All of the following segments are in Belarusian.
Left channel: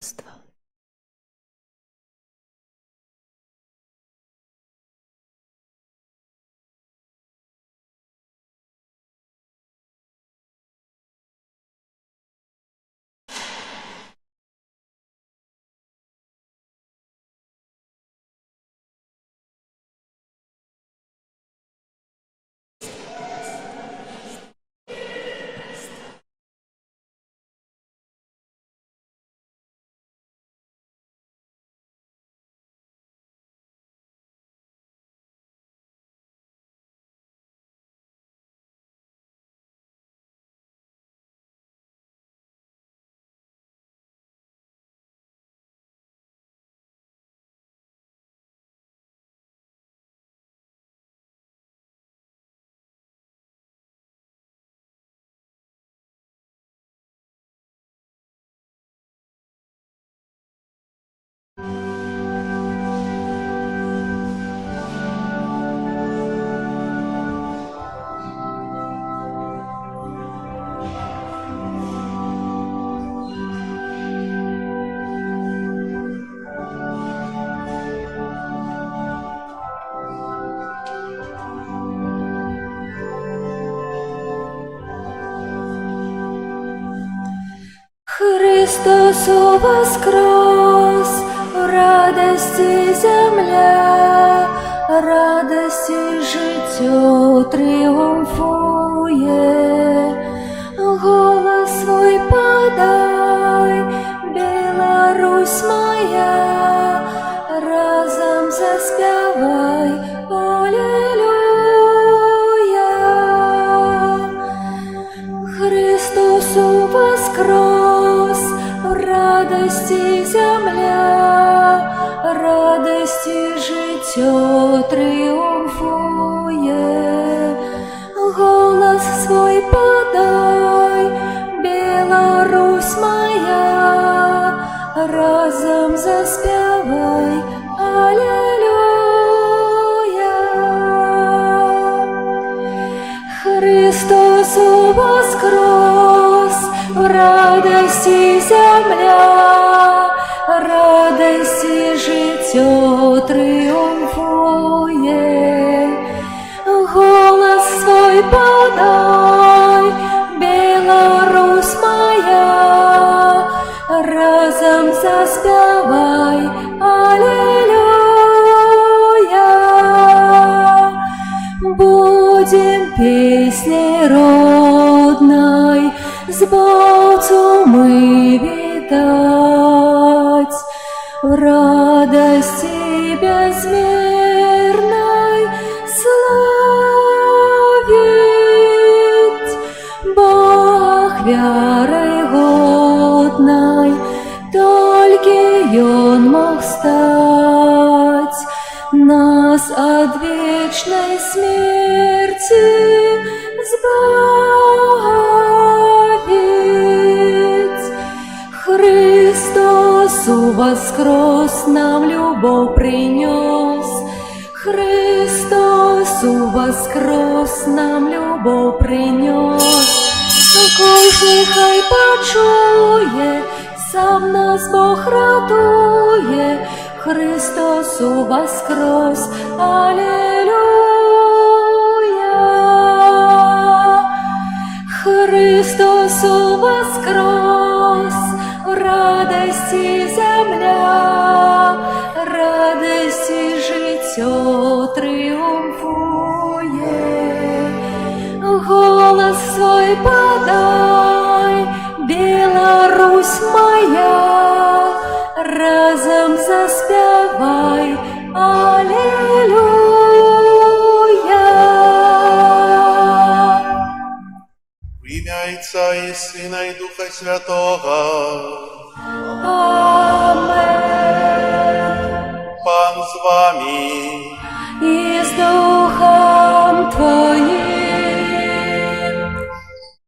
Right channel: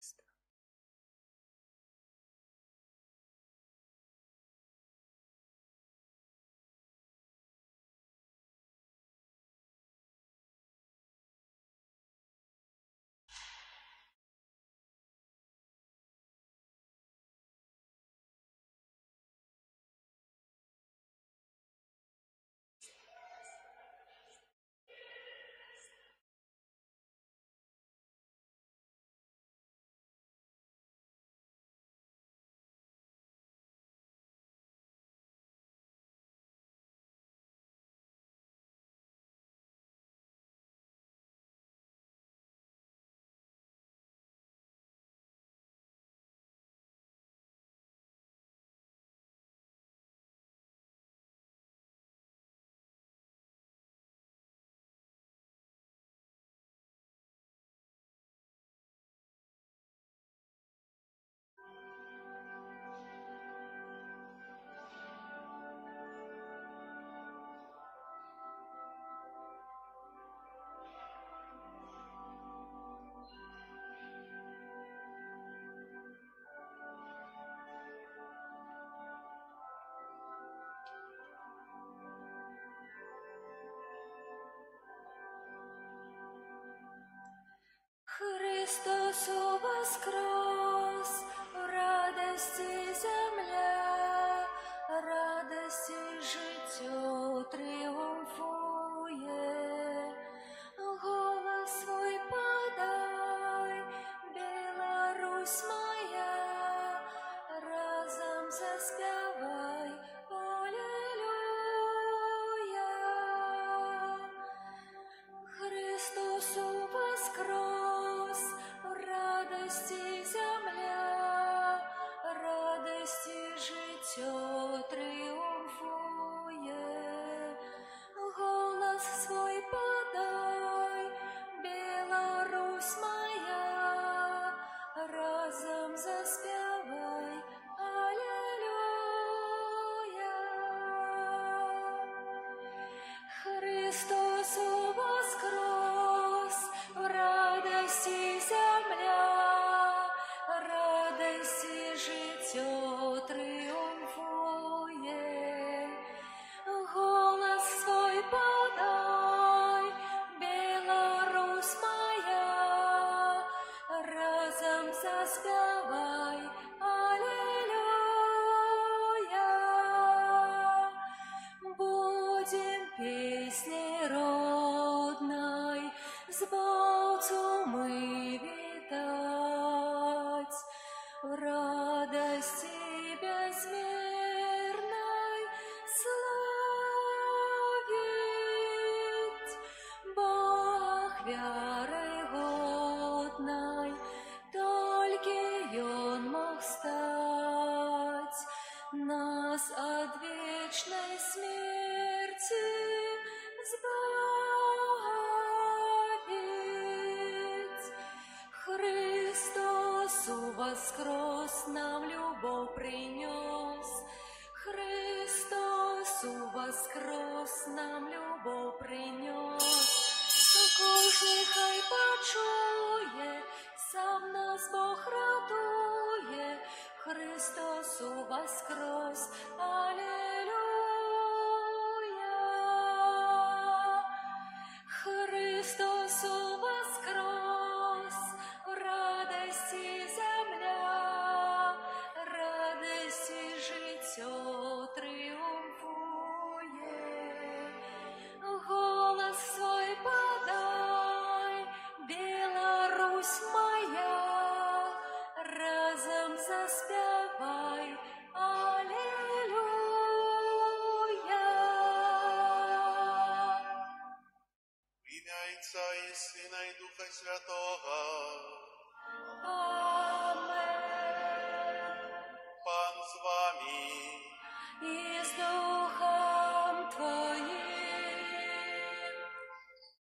Ства. Христос воскрес, в радості земля, радості життя тріумфує. Голос свой подай, Білорусь моя, разом заспівай, алілуя. Христос воскрес, в радості земля, радості життя тріумфує. Голос свой подай, Білорусь моя, разом заспівай, алілуя. Христос воскрес, в радості земля, радості життя тріумфує. Голос свой подай, Білорусь моя, разом заспівай, алілуя. Будем песней родной Збавцу мы видать, в радости безмерной славить. Бог верой годной, только Он мог стать, нас от вечной смерти избавить. Христос воскрес, нам любовь принес. Христос воскрес, нам любовь принес. Кожний хай почує, сам нас Бог радує. Христос воскрес, алілуя. Христос воскрес, в радості земля, радості життя тріумфує. Голос свой подай, Білорусь моя, разом заспівай, алілуя. В ім'я Отця і Сина і Духа Святого. Амен. Пан з вами. І з Духом Твоїм.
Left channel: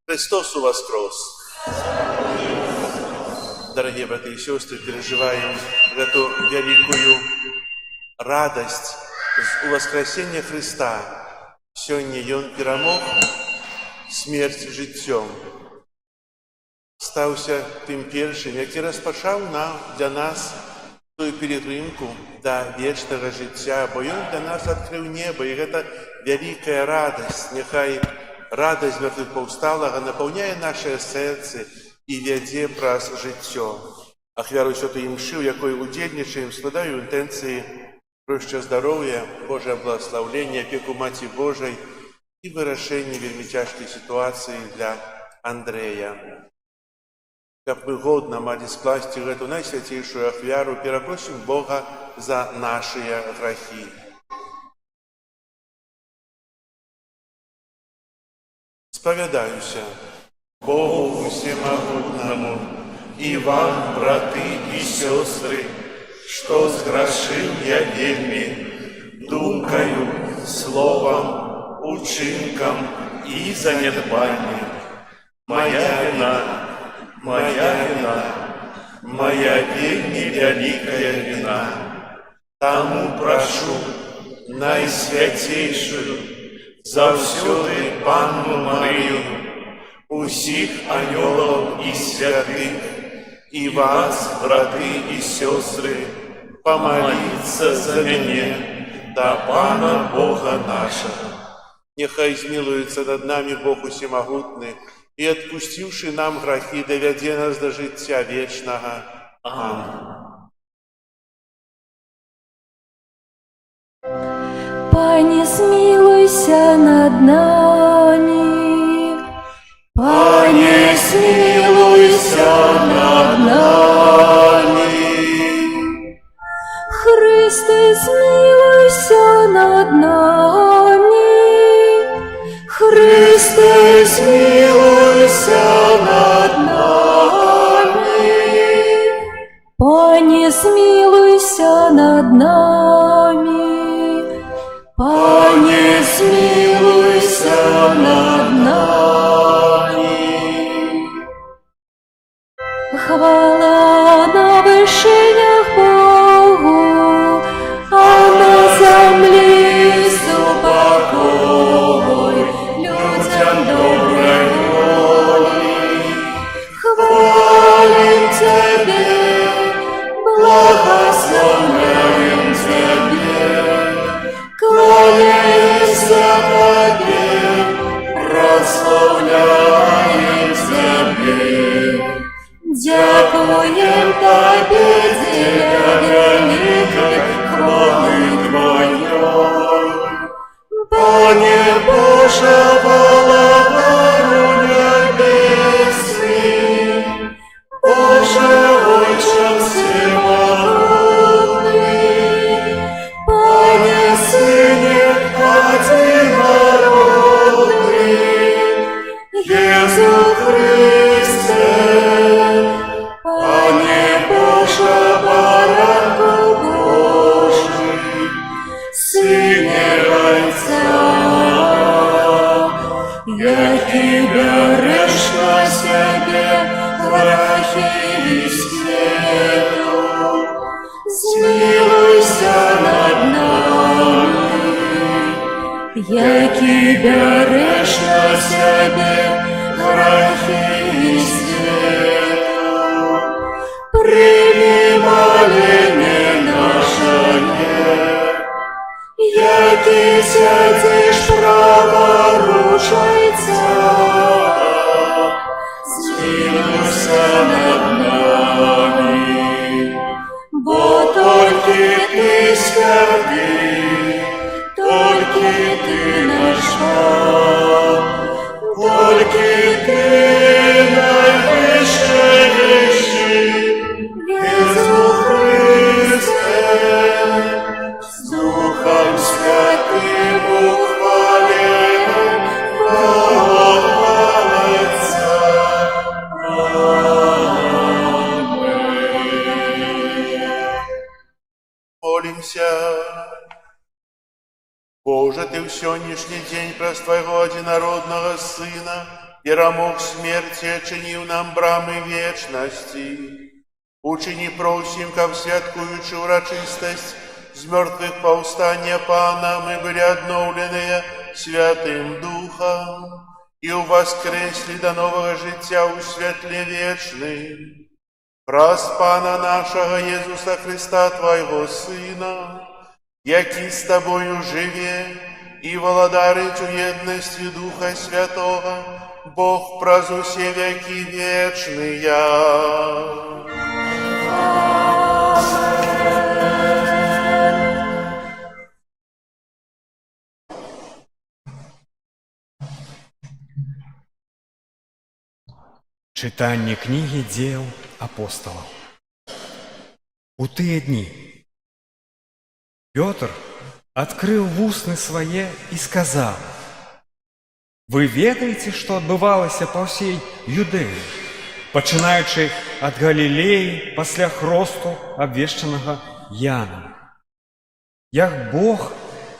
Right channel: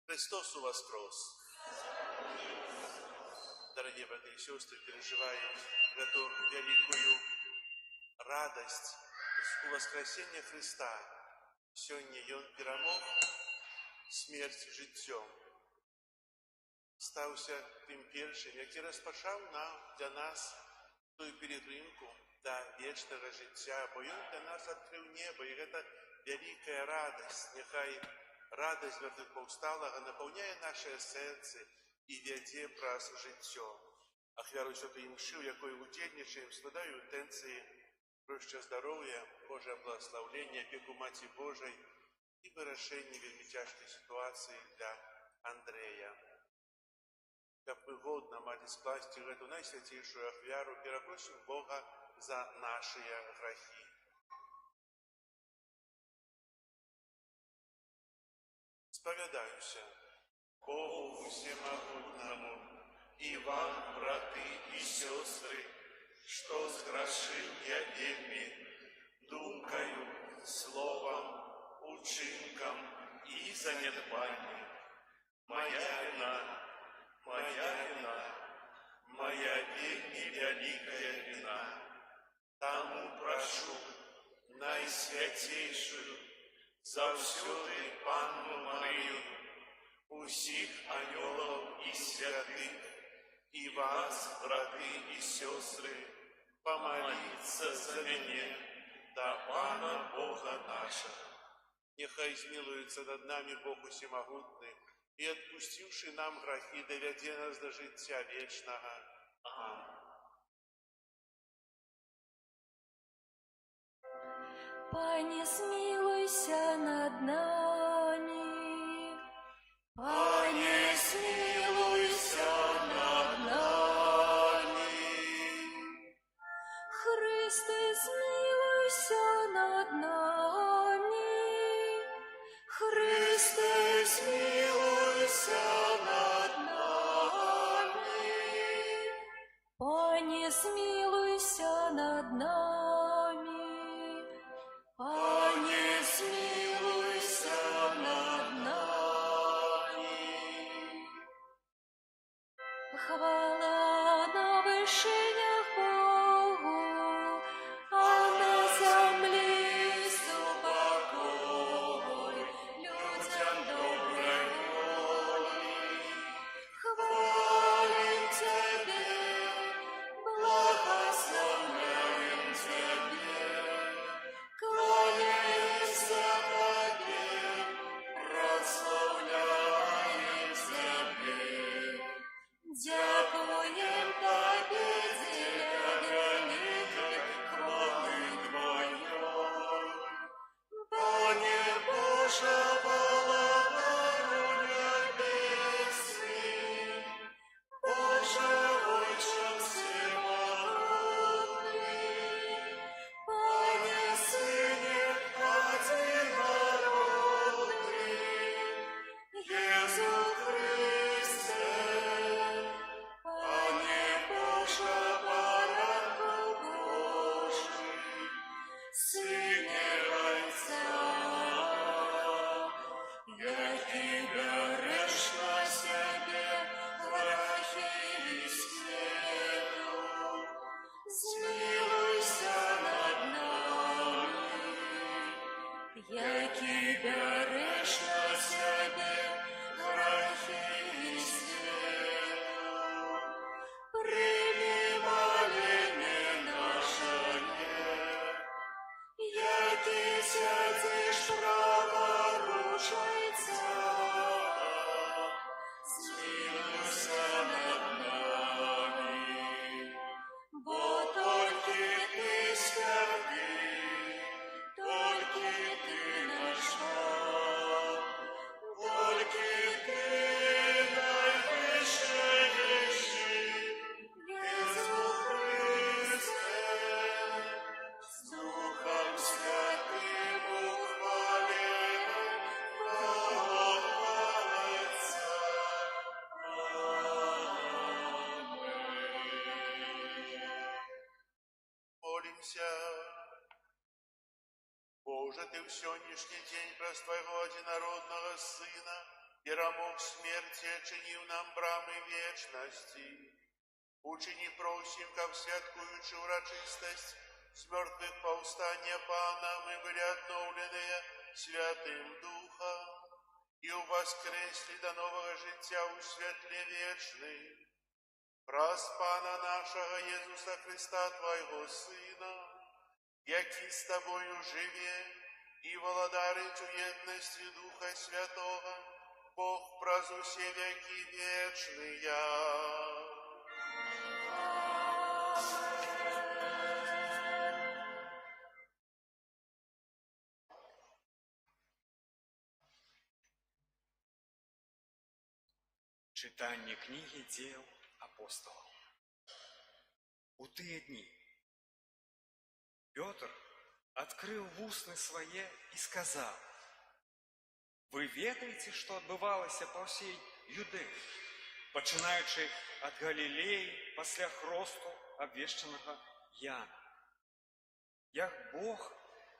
Христос воскрес! Дорогие братья и сестры, переживаем эту великую радость у воскресения Христа. Сегодня Он перемог смерть життем. стаўся тым першым, які распачаў для нас тую пілігрымку да вечнага жыцця, бо Ён для нас адкрыў неба, і гэта вялікая радасць. Няхай радасць мёртвых-паўсталага напаўняе нашыя сэрцы і вядзе праз жыццё. Ахвяру святой імшы, у якой удзельнічаем, складаю інтэнцыі пра здароўя, Божае благаслаўленне, апеку Маці Божай і вырашэнне вельмі цяжкай сітуацыі для Андрэя. Каб мы годна малі скласці гэту найсвяцейшую ахвяру, перапросім Бога за нашыя грахі. Спавядаюся Богу Всемагутнаму і вам, браты і сёстры, што зграшыў я вельмі думкаю, словам, учынкам і занядбаннем. Моя віна, моя вельмі вялікая віна. Таму прашу найсвяцейшую, заўсёды Панну Марыю, усіх анёлаў і святых, і вас, браты і сёстры, памаліцца за мяне да Пана Бога нашага. Няхай змілуецца над намі Бог Усемагутны і, адпусціўшы нам грахі, давядзе нас да жыцця вечнага. Амін. Пане, змилуйся над нами. Пане, змилуйся над нами. Христе, змилуйся над нами. Христе, змилуйся над нами. Пане, змилуйся над нами. Пане, змилуйся над нами. Хвала на вишинях Богу, а на землі супокой людям доброй волі. Хвалим Тебе, благословляем Тебе, кланяемся Тебе, прославляем Тебе. Дякуем Тебе, Деля великой хвалы Твоей. Пане Боже, Володарю небесный, Боже, Отче всемогутный, Пане Сыне одинородный, Иису Христе, Пане Боже, Баранку Божий, Сыне Отца, який береш на себе грехи світу, змилуйся над нами, який береш на себе грехи світу, прийми моління наше, який сядеш праворуч Отця, змилуйся над нами, бо тільки Ти святий, тільки Ти наш Бог, тільки Ти найвищий, Ісус Христе, з Духом Святим ухвален, Богородиця. Молимся. Боже, Ты в сённяшний день праз Твоего одинородного Сына перамог смерти, очинив нам брамы вечности. Учини просим, как святкуючи урочистость з мертвых повстания Пана, мы были обновлены Святым Духом, і воскресли до нового життя у світлі вічним. Праз Пана нашого Єсуса Христа, Твоего Сина, який з Тобою живе і володарить у єдності Духа Святого, Бог праз усе веки вечные. Читание книги Дел апостолов. У тыя дни Петр открыл вусны свае и сказал: «Вы ведаете, что отбывалося по всей Юдеі, пачынаючы от Галилеи пасля хросту абвешчанага Яном? Як Бог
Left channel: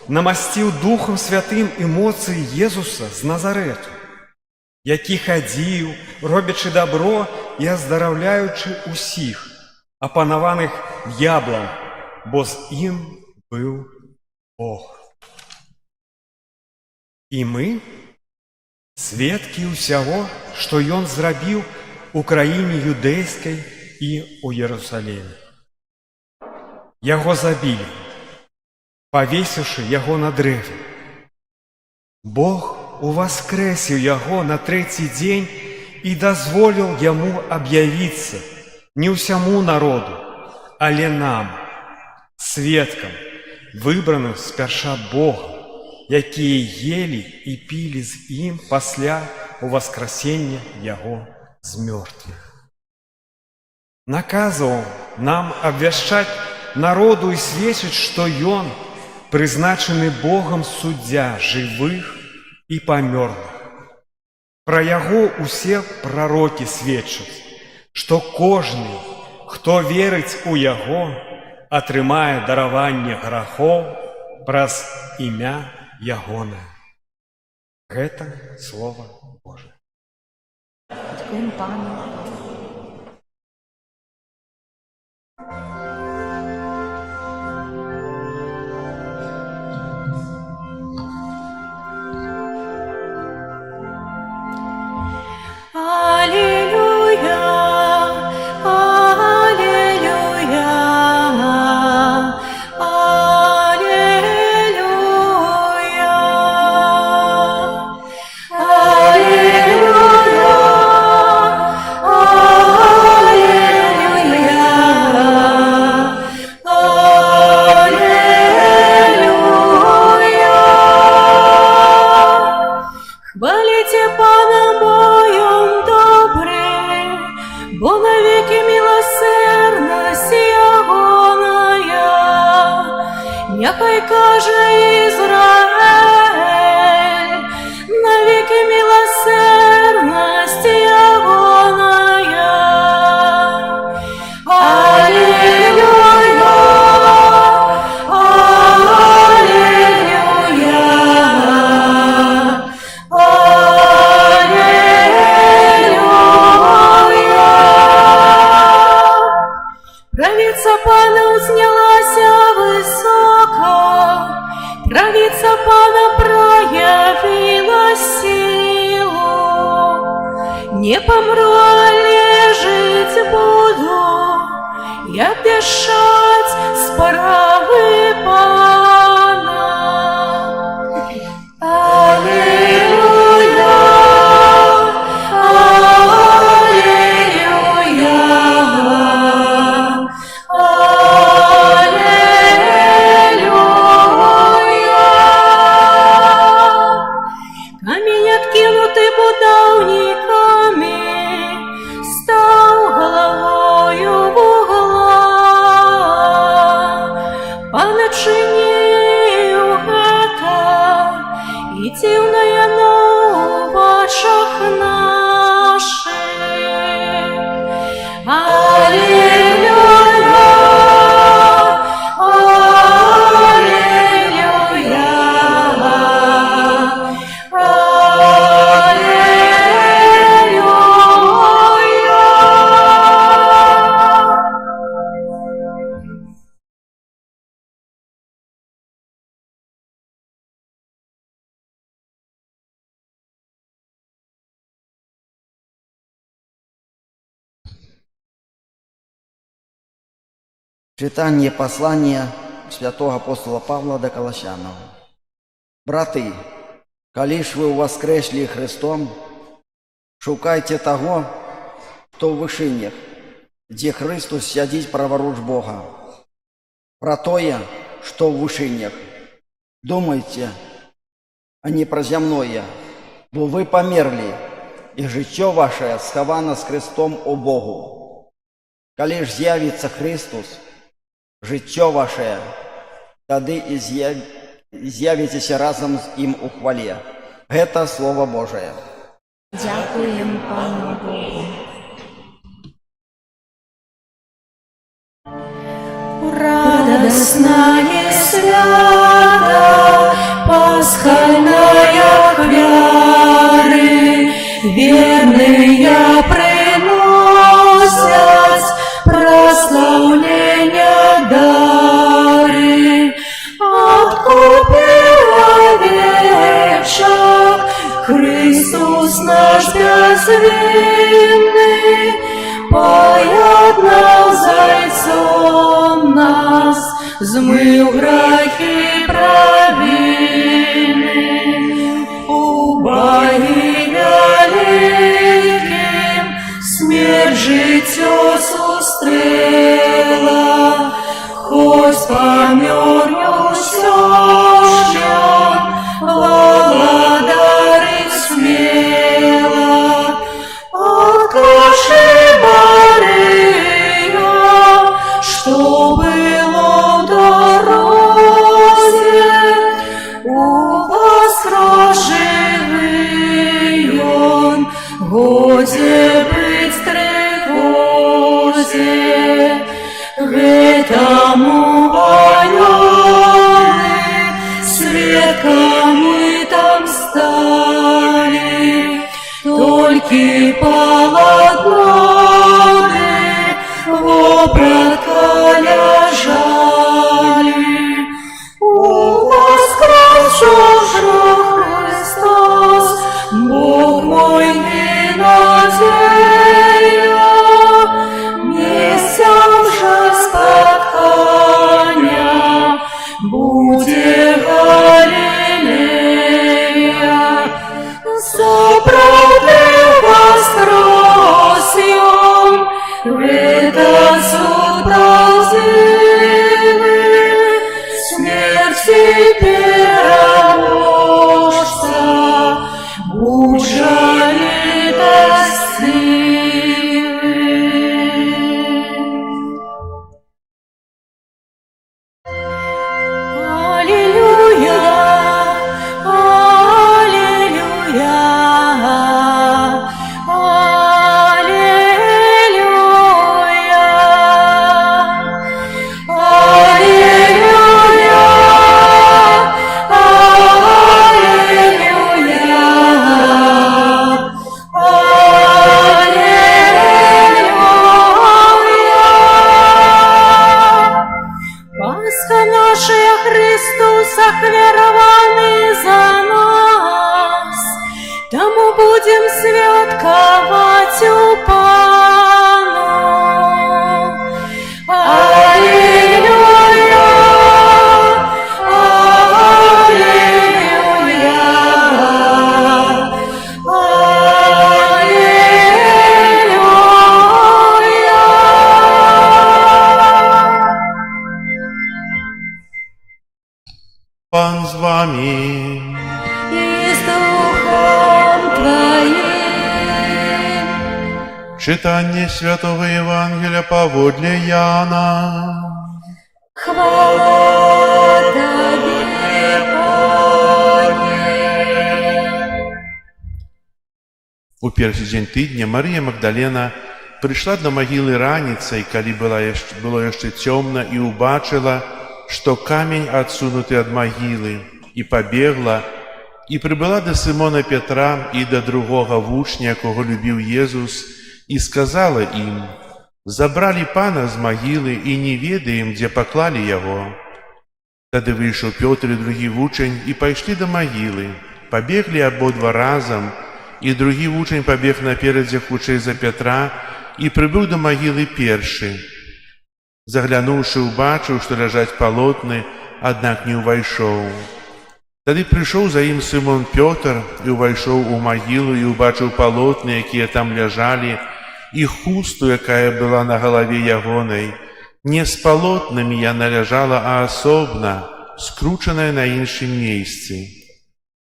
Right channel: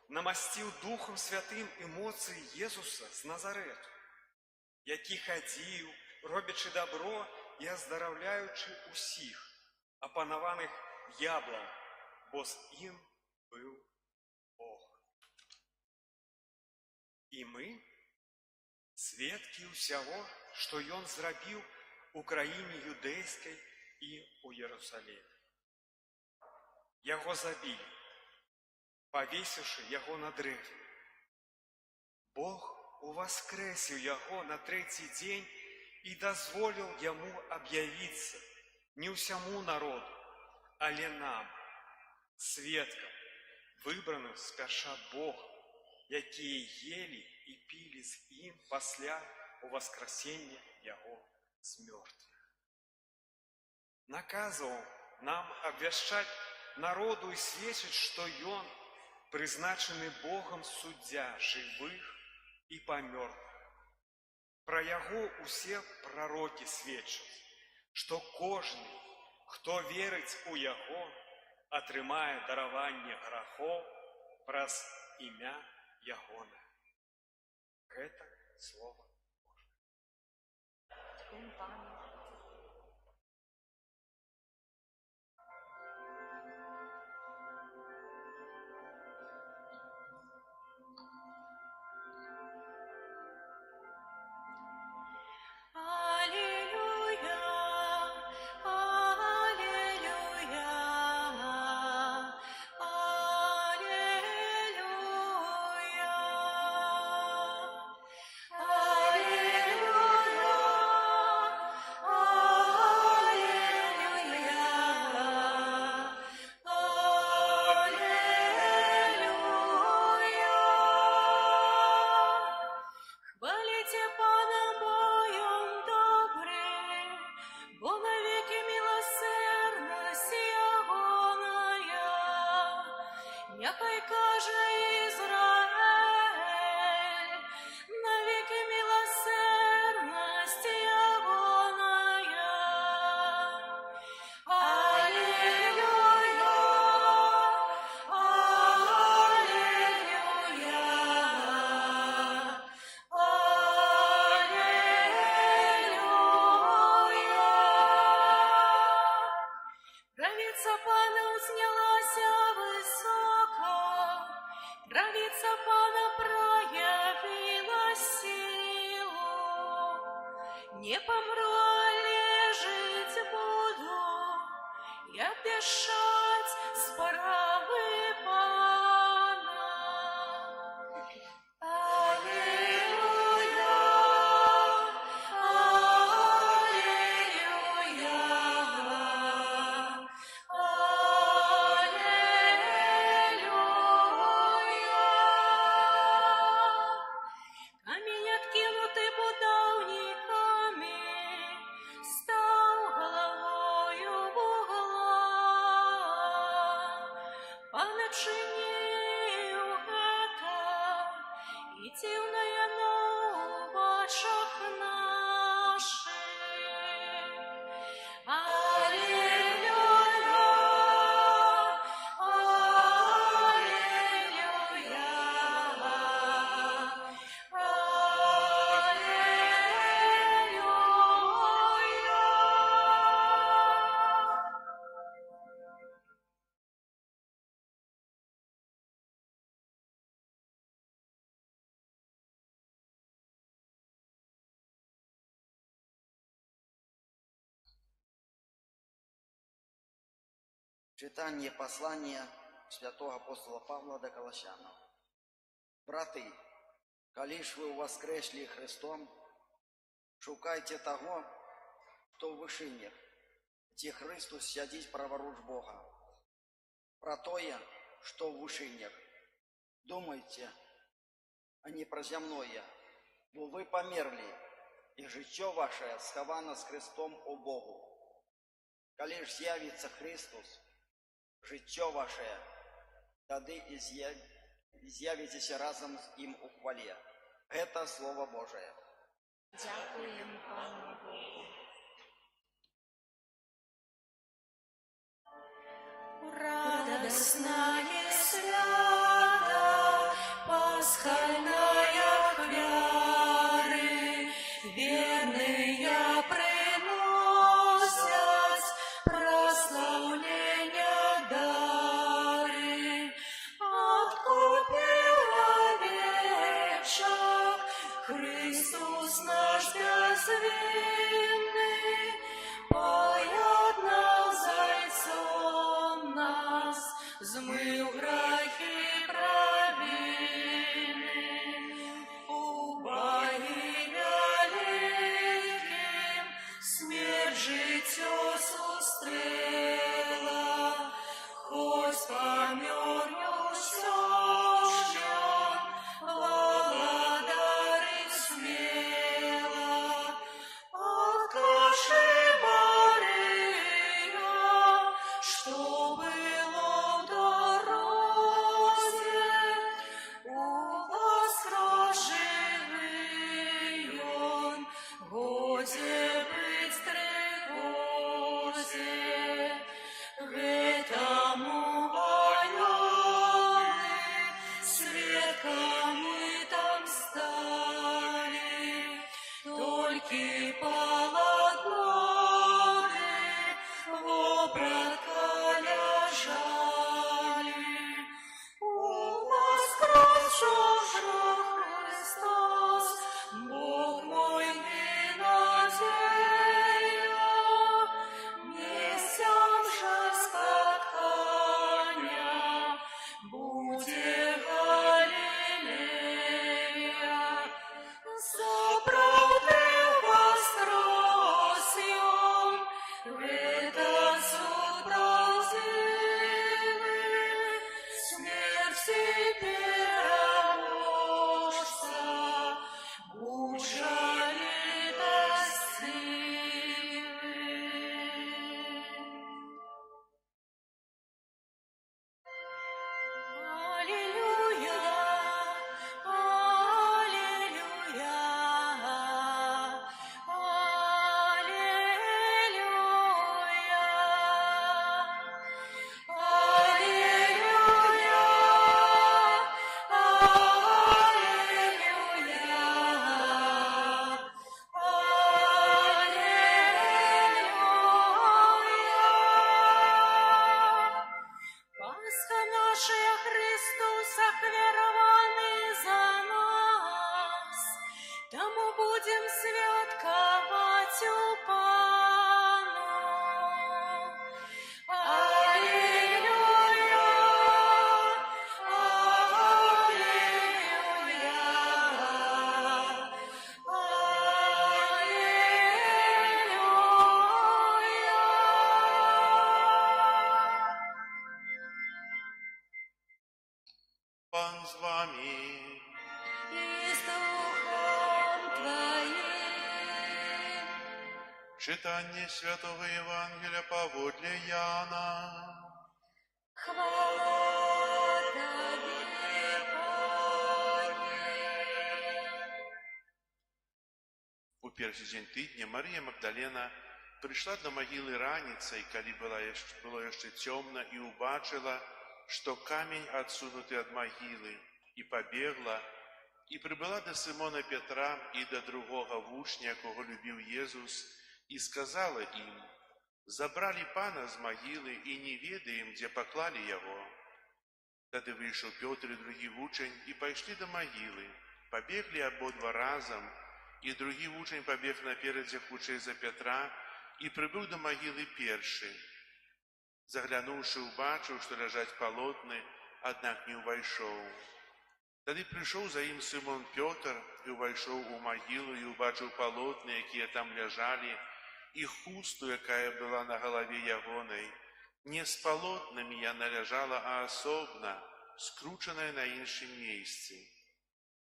намасціў Духом Святым і моцы Езуса з Назарету, які хадзіў, робячы добро і аздараўляючы усіх, апанаваных д'яблам, бо з ім быў Бог. І мы сведкі ўсяго, што Ён зрабіў у краіне юдэйскай і ў Єрусаліме. Яго забілі, павесіўшы яго на дрэве. Бог уваскрэсіў яго на трэці дзень і дазволіў яму аб'явіцца не ўсяму народу, але нам, сведкам, выбраным спярша Бога, якія елі і пілі з ім пасля уваскрасення яго з мёртвых. Наказваў нам абвяшчаць народу і сведчыць, што ён прызначаны Богам суддзя жывых і памёрлых. Пра яго усе прарокі сведчаць, што кожны, хто верыць у яго, атрымае дараванне грахоў праз імя ягонае. Гэта Слова Божае. Дякуємо Пану. Хвалите Пана, бо Он добрый, бо навеки милосердность Ягоная. Нехай каже Израиль, навеки милосердность Ягоная. Аллилуйя, правица Пана узнялася высоко, правица Пана проявила силу. Не помру, але жить буду, и обвещать справы Пана. Аллилуйя, камень, откинутый будовниками, стал головою в углах. Читание послания святого апостола Павла до Колоссянов. Браты, коли ж вы воскресли Христом, шукайте того, кто в вышинях, где Христос сядит праворуч Бога. Про тое, что в вышинях, думайте, а не про земное, бо вы померли, и життя ваше сховано с Христом у Богу. Коли ж з'явиться Христос, життя ваше, тады и з'явитеся разом з Ім у хвалі. Это Слово Божие. Дякуємо Пану Богу. Радостная свята, пасхальная хвяры, верные приносят прославления дары. Откупил овечек Христос наш безвинный, поеднал зайцом нас, змыл грехи провины. Убоги великим смерть життя сустрела, хоть помер все ж благодарить смело. Откажи, Мария, что было в дороге, у вас живый он, годе быть тревозе. Этому военный свидками там стали, только полотноны вобратка лежали. У воскресшего Христос, Бог мой и надея, месяц же споткання буде Галилея. Заправдив воскрес он, этот суд правдивый, смерти переможца, будь жалостивый. Аллилуйя, аллилуйя, аллилуйя, аллилуйя, аллилуйя. Пасха наша Христос охверованный за нас, тому будем святковать у Пану. Аллилуйя, аллилуйя, аллилуйя. Пан з вами. И с Духом Твоим. Читання Святого Євангелія поводле Яна. Хвала Тебе, Пане. У перший день тижня Марія Магдалена прийшла до могили раніцей, коли було ще темно, і убачила, что камень отсунутый от могилы, и побегла, и прибыла до Симона Петра и до другого вучня, кого любил Иисус, и сказала им: «Забрали Пана з могилы, и не ведаем, где поклали его». Тогда вышел Петр и другий вучень, и пошли до могилы. Побегли ободва разом, и другий вучень побег напередзе хутчэй за Петра, и прибыл до могилы перший. Заглянуўшы, убачыў, што ляжаць палотны, аднак не ўвайшоў. Тады прыйшоў за ім Сымон Пётр і ўвайшоў у магілу і ўбачыў палотны, якія там ляжалі, і хусту, якая была на галаве ягонай. Не з палотнамі яна ляжала, а асобна, скручаная на іншым месцы.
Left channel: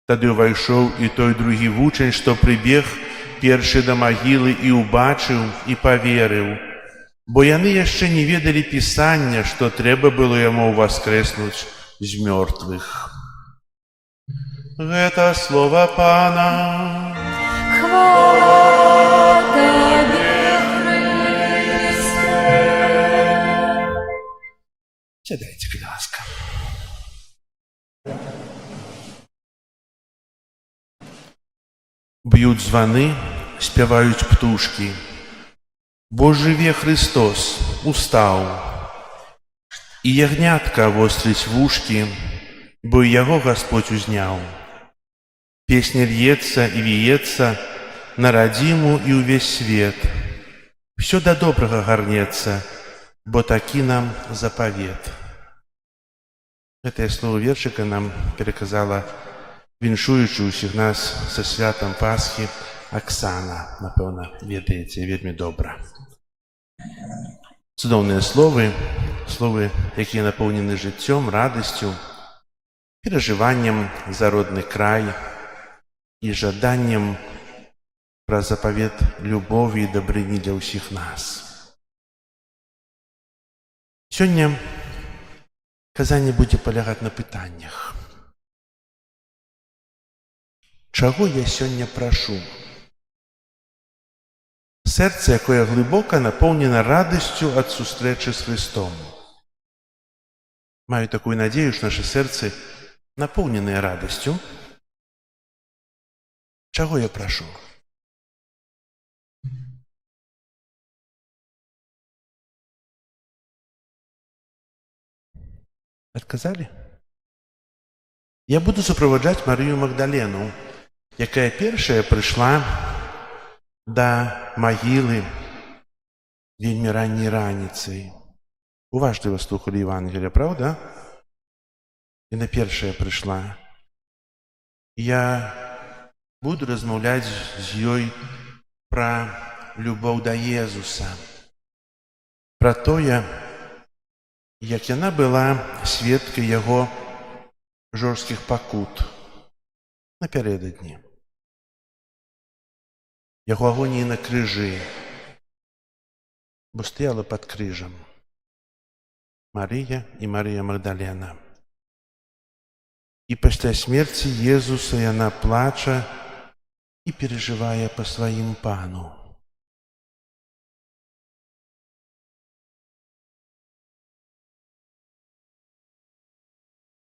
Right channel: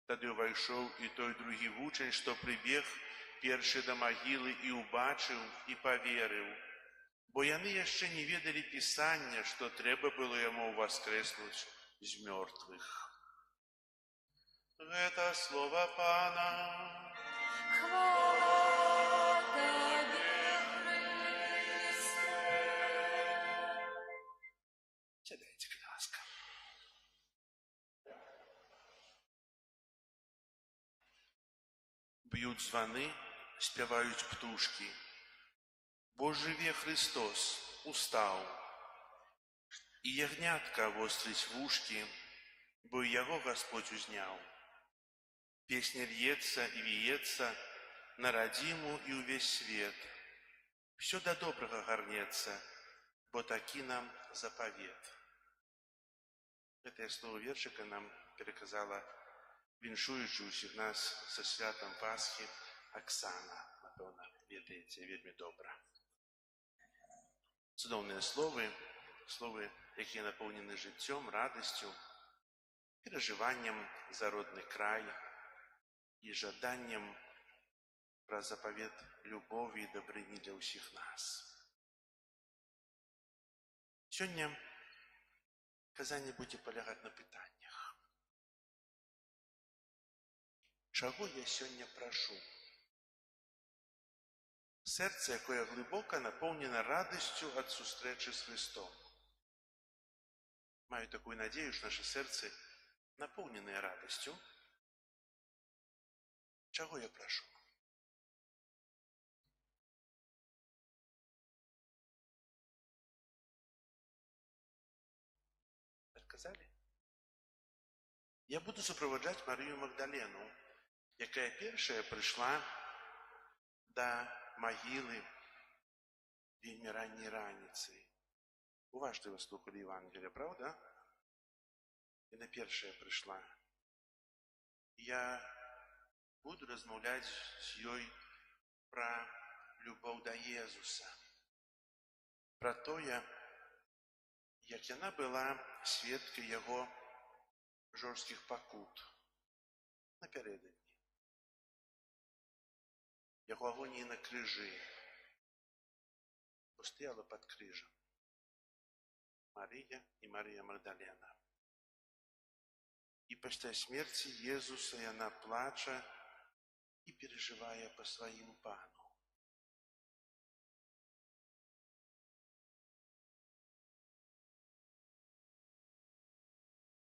Тады ўвайшоў і той другі вучань, што прыбег першы да магілы і ўбачыў і паверыў, бо яны яшчэ не ведалі пісання, што трэба было яму ўваскрэснуць з мёртвых. Гэта слова Пана. Хвала Табе, Христе. Сядайце, будь ласка. Б'ють званы, спяваюць птушкі. Бо жыве Христос, устаў. І ягнятка вострыць вушкі, бо і яго Господь узняў. Песня льецца і віецца на радзіму і ўвесь свет. Всё да добрага гарнецца, бо такі нам запавет. Гэтае слово вершыка нам пераказала віншуючы ўсіх нас са святам Пасхі Аксана. Напэўна, ведаеце, вельмі добра. Цудоўныя словы, якія напоўнены жыццём, радасцю, перажываннем за родны край і жаданнем пра запавет любові і дабрыні для ўсіх нас. Сёння казанне будзе палягаць на пытаннях. Чаго я сёння прашу? Сэрца, якое глыбока напоўнена радасцю ад сустрэчы з Христом. Маю такую надзею, што нашы сэрцы напоўненыя радасцю. Чаго я прашу? Адказалі? Я буду суправаджаць Марыю Магдалену, якая першая прыйшла да магілы вельмі ранняй раніцай. Уважліва слухалі Евангелія, правда? Яна першая прыйшла. Я буду размаўляць з ёй пра любоў да Езуса, пра тое, як яна была сведкай яго жорсткіх пакут напярэдадні, яго агоніі на крыжы, бо стаяла пад крыжам Марыя і Марыя Магдалена. І пасля смерці Езуса яна плача і перажывае па сваім Пану.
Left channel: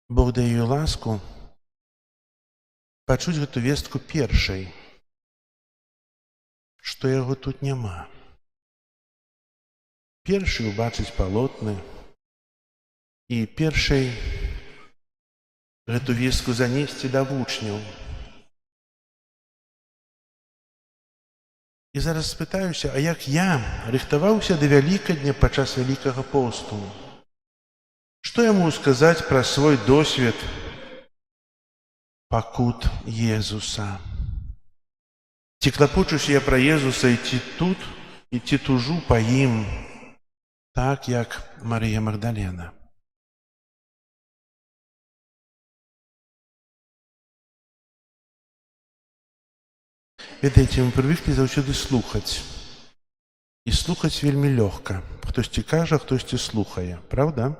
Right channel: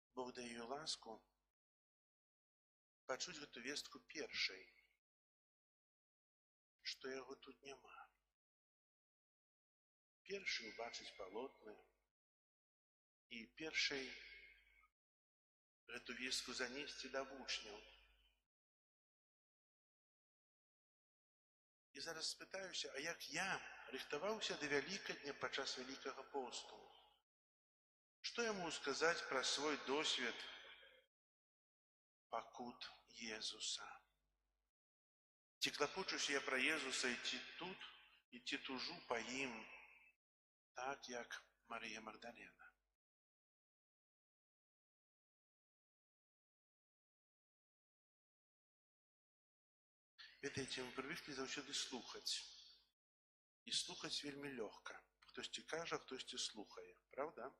Бог дае ёй ласку пачуць гэту вестку першай, што яго тут няма. Першай убачыць палотны і першай гэту вестку занесці да вучняў. І зараз спытаюся, а як я рыхтаваўся да Вялікадня падчас Вялікага посту? Што я магу сказаць пра свой досвед пакут Езуса? Ці клапочуся я пра Езуса ідці тут, і ці тужу па ім, так як Марыя Магдалена? Ведаеце, мы прывыклі заўсёды слухаць. І слухаць вельмі лёгка. Хтосьці кажа, хтосьці слухае. Правда?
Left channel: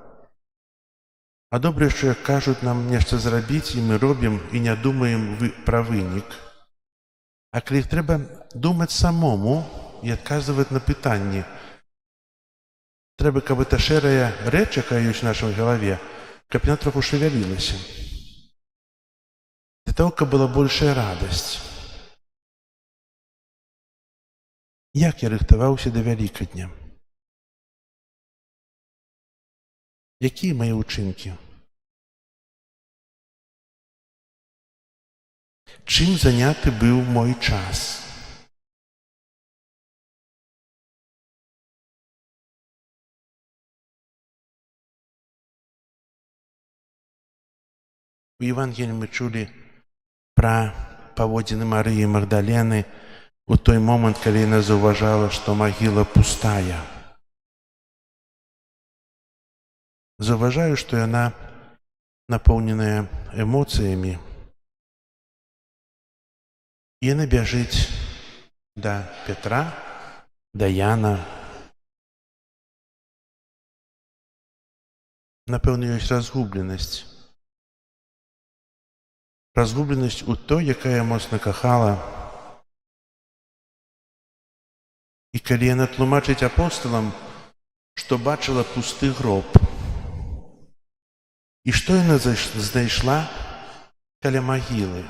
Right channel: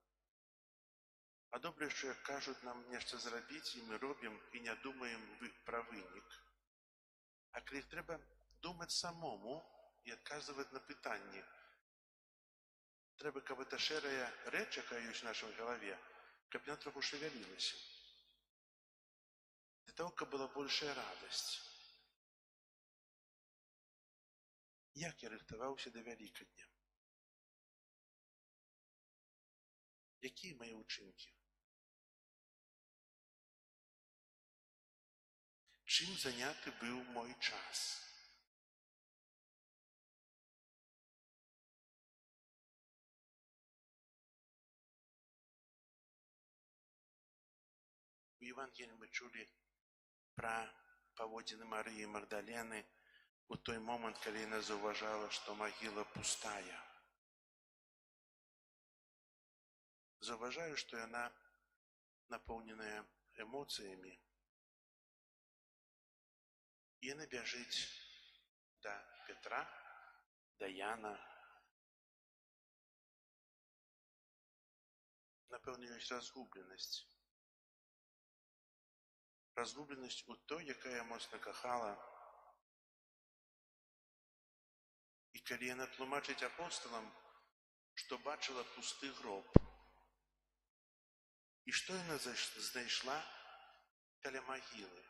А добра, што як кажуць нам нешта зрабіць, і мы робім, і не думаем пра вынік. А калі трэба думаць самому і адказваць на пытанні, трэба, каб эта шэрая рэч, якая ёсць у нашай галаве, каб яна троху шавялілася. Для таго, каб была большая радасць. Як я рыхтаваўся да Вялікадня? Якія мае ўчынкі? Чым заняты быў мой час? У Євангелії ми чули про паводзіны Марыі Магдалены у той момент, калі яна заўважала, што магіла пустая. Заўважаю, што яна напоўненая эмоцыямі. І яна бяжыць да Петра, да Яна. Напэўна, ёсць разгубленасць. Разгубленасць у той, якая моцна кахала. І калі яна тлумачыць апосталам, што бачыла пусты гроб. І што яна знайшла каля магілы?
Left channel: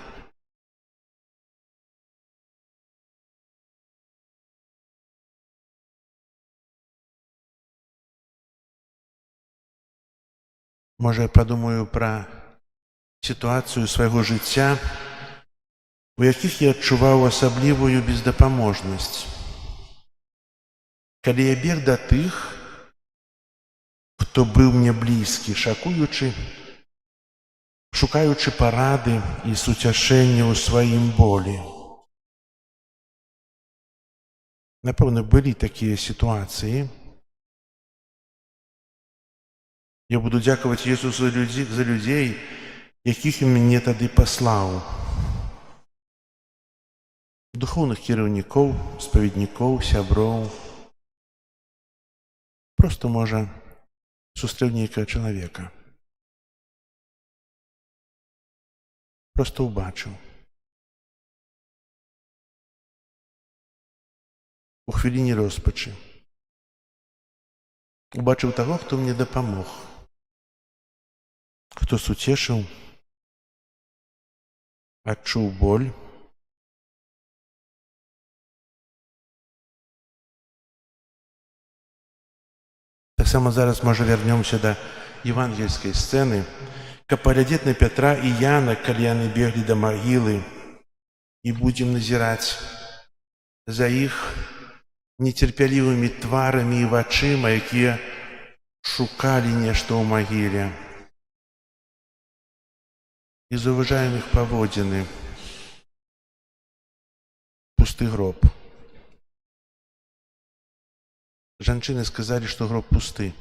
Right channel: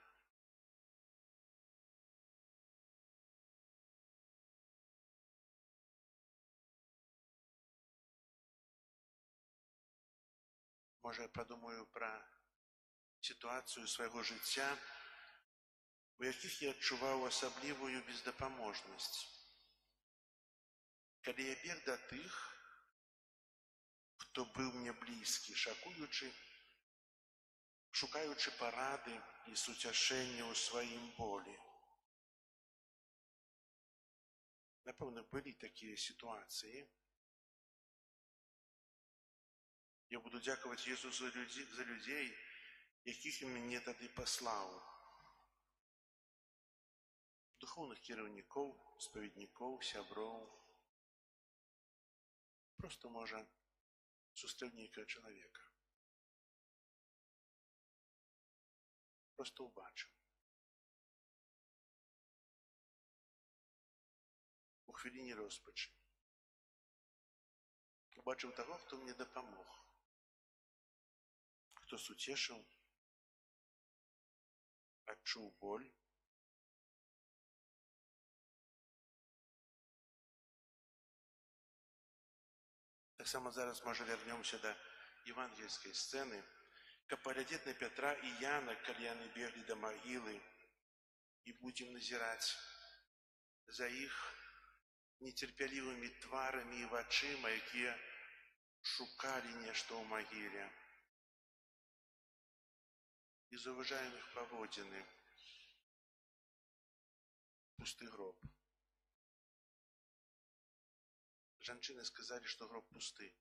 Можа, я падумаю пра сітуацыю свайго жыцця, у якіх я адчуваў асаблівую бездапаможнасць. Калі я бег да тых, хто быў мне блізкі, шукаючы парады і суцяшэння ў сваім болі. Напэўна, былі такія сітуацыі. Я буду дзякаваць Jesусу за людзей, якіх Ён мяне тады паслаў. Духоўных кіраўнікоў, спаведнікоў, сяброў. Проста, можа, сустрэў нейкага чалавека. Проста ўбачыў. У хвіліне роспачы. Убачыў таго, хто мне дапамог. Хто суцешыў, адчуў боль. Таксама зараз, можа, вярнёмся да евангельскай сцэны, каб паглядзець на Пятра і Яна, калі яны беглі да магілы, і будзем назіраць за іх нецярпялівымі тварамі і вачыма, якія шукалі нешта ў магіле. І заўважаем іх паводзіны. Пусты гроб. Жанчыны сказалі, што гроб пусты.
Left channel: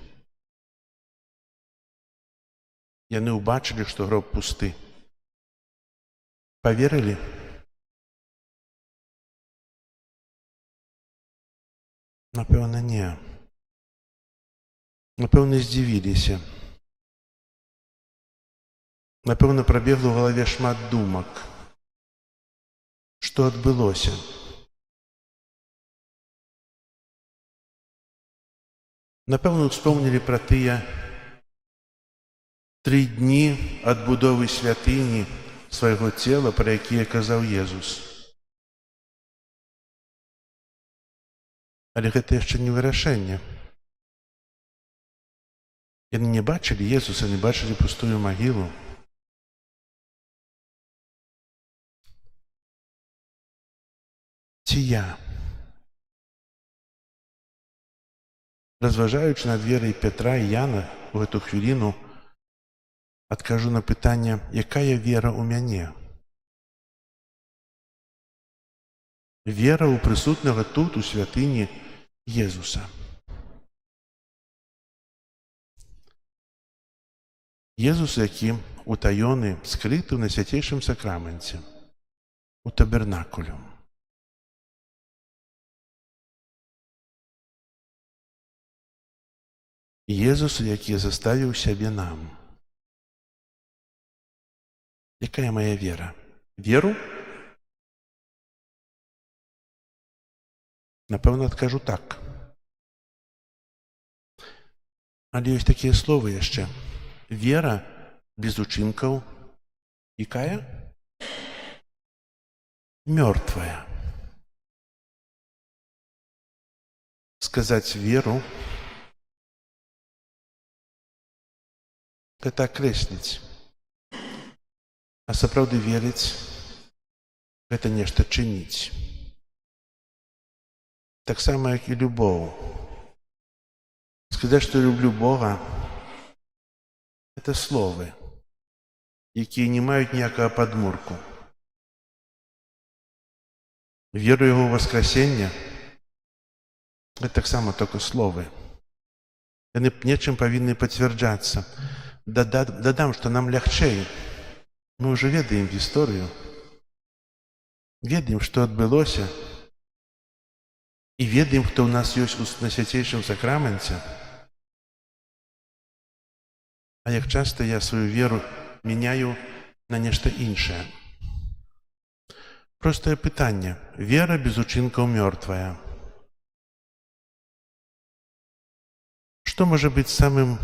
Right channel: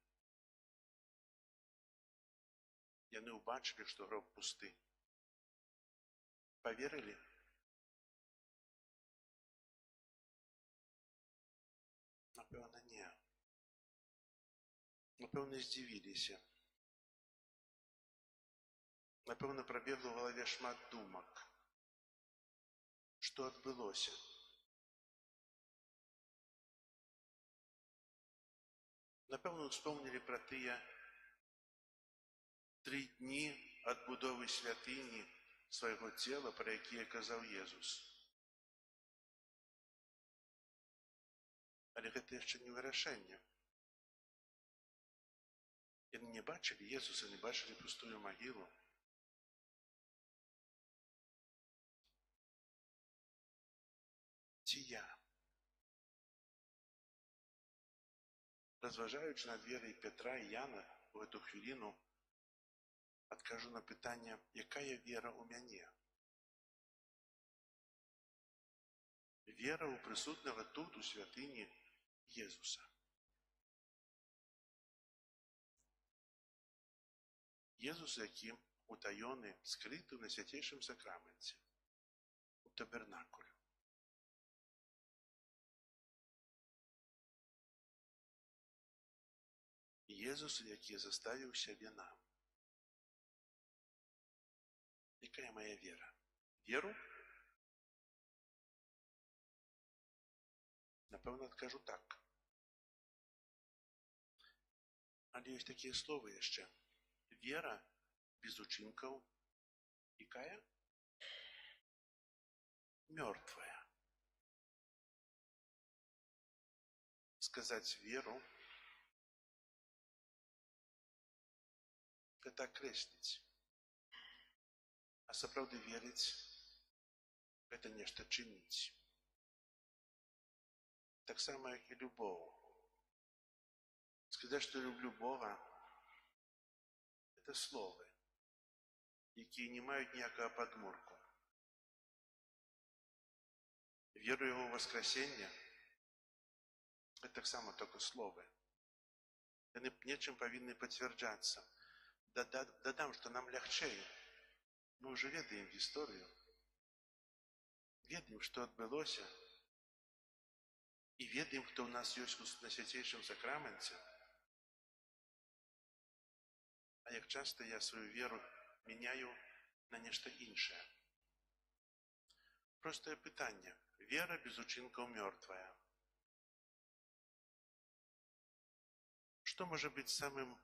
Яны ўбачылі, што гроб пусты. Паверылі? Напэўна, не. Напэўна, здзівіліся. Напэўна, прабегла ў галаве шмат думак. Што адбылося? Напэўна, успомнілі пра тыя 3 дні адбудовы святыні свайго цела, пра якія казаў Езус. Але гэта яшчэ не вырашэнне. Яны не бачылі Езуса, не бачылі пустую магілу. Ці я? Разважаючы над верай Петра і Яна у гэту хвіліну, адкажу на пытанне, якая вера ў мяне? Вера ў прысутнага тут, у святыні Езуса. Езус, які утаёны, скрыты ў найсвяцейшым сакраменце, у табернакулю. Езус, які заставіў сябе нам. Якая моя вера? Веру? Напэўна, адкажу так. Але ёсць такія словы яшчэ. Вера без учынкаў. Якая? Мёртвая. Сказаць веру — гэта акрэсліць. А сапраўды верыць — гэта нешта чыніць. Таксама, як і любоў. Сказаць, што люблю Бога — это словы. якія не маюць ніякага падмурку. Веру Яго ў воскресення – гэта таксама толькі словы. Яны нечым павінны пацвярджацца. Дадам, што нам лягчэй. Мы ўжо ведаем гісторыю, ведаем, што адбылося, і ведаем, хто ў нас ёсць на свяцейшым сакраменце. А як часта я сваю веру мяняю на нешта іншае. Простае пытанне. Вера без учынкаў мёртвая. Што можа быць самым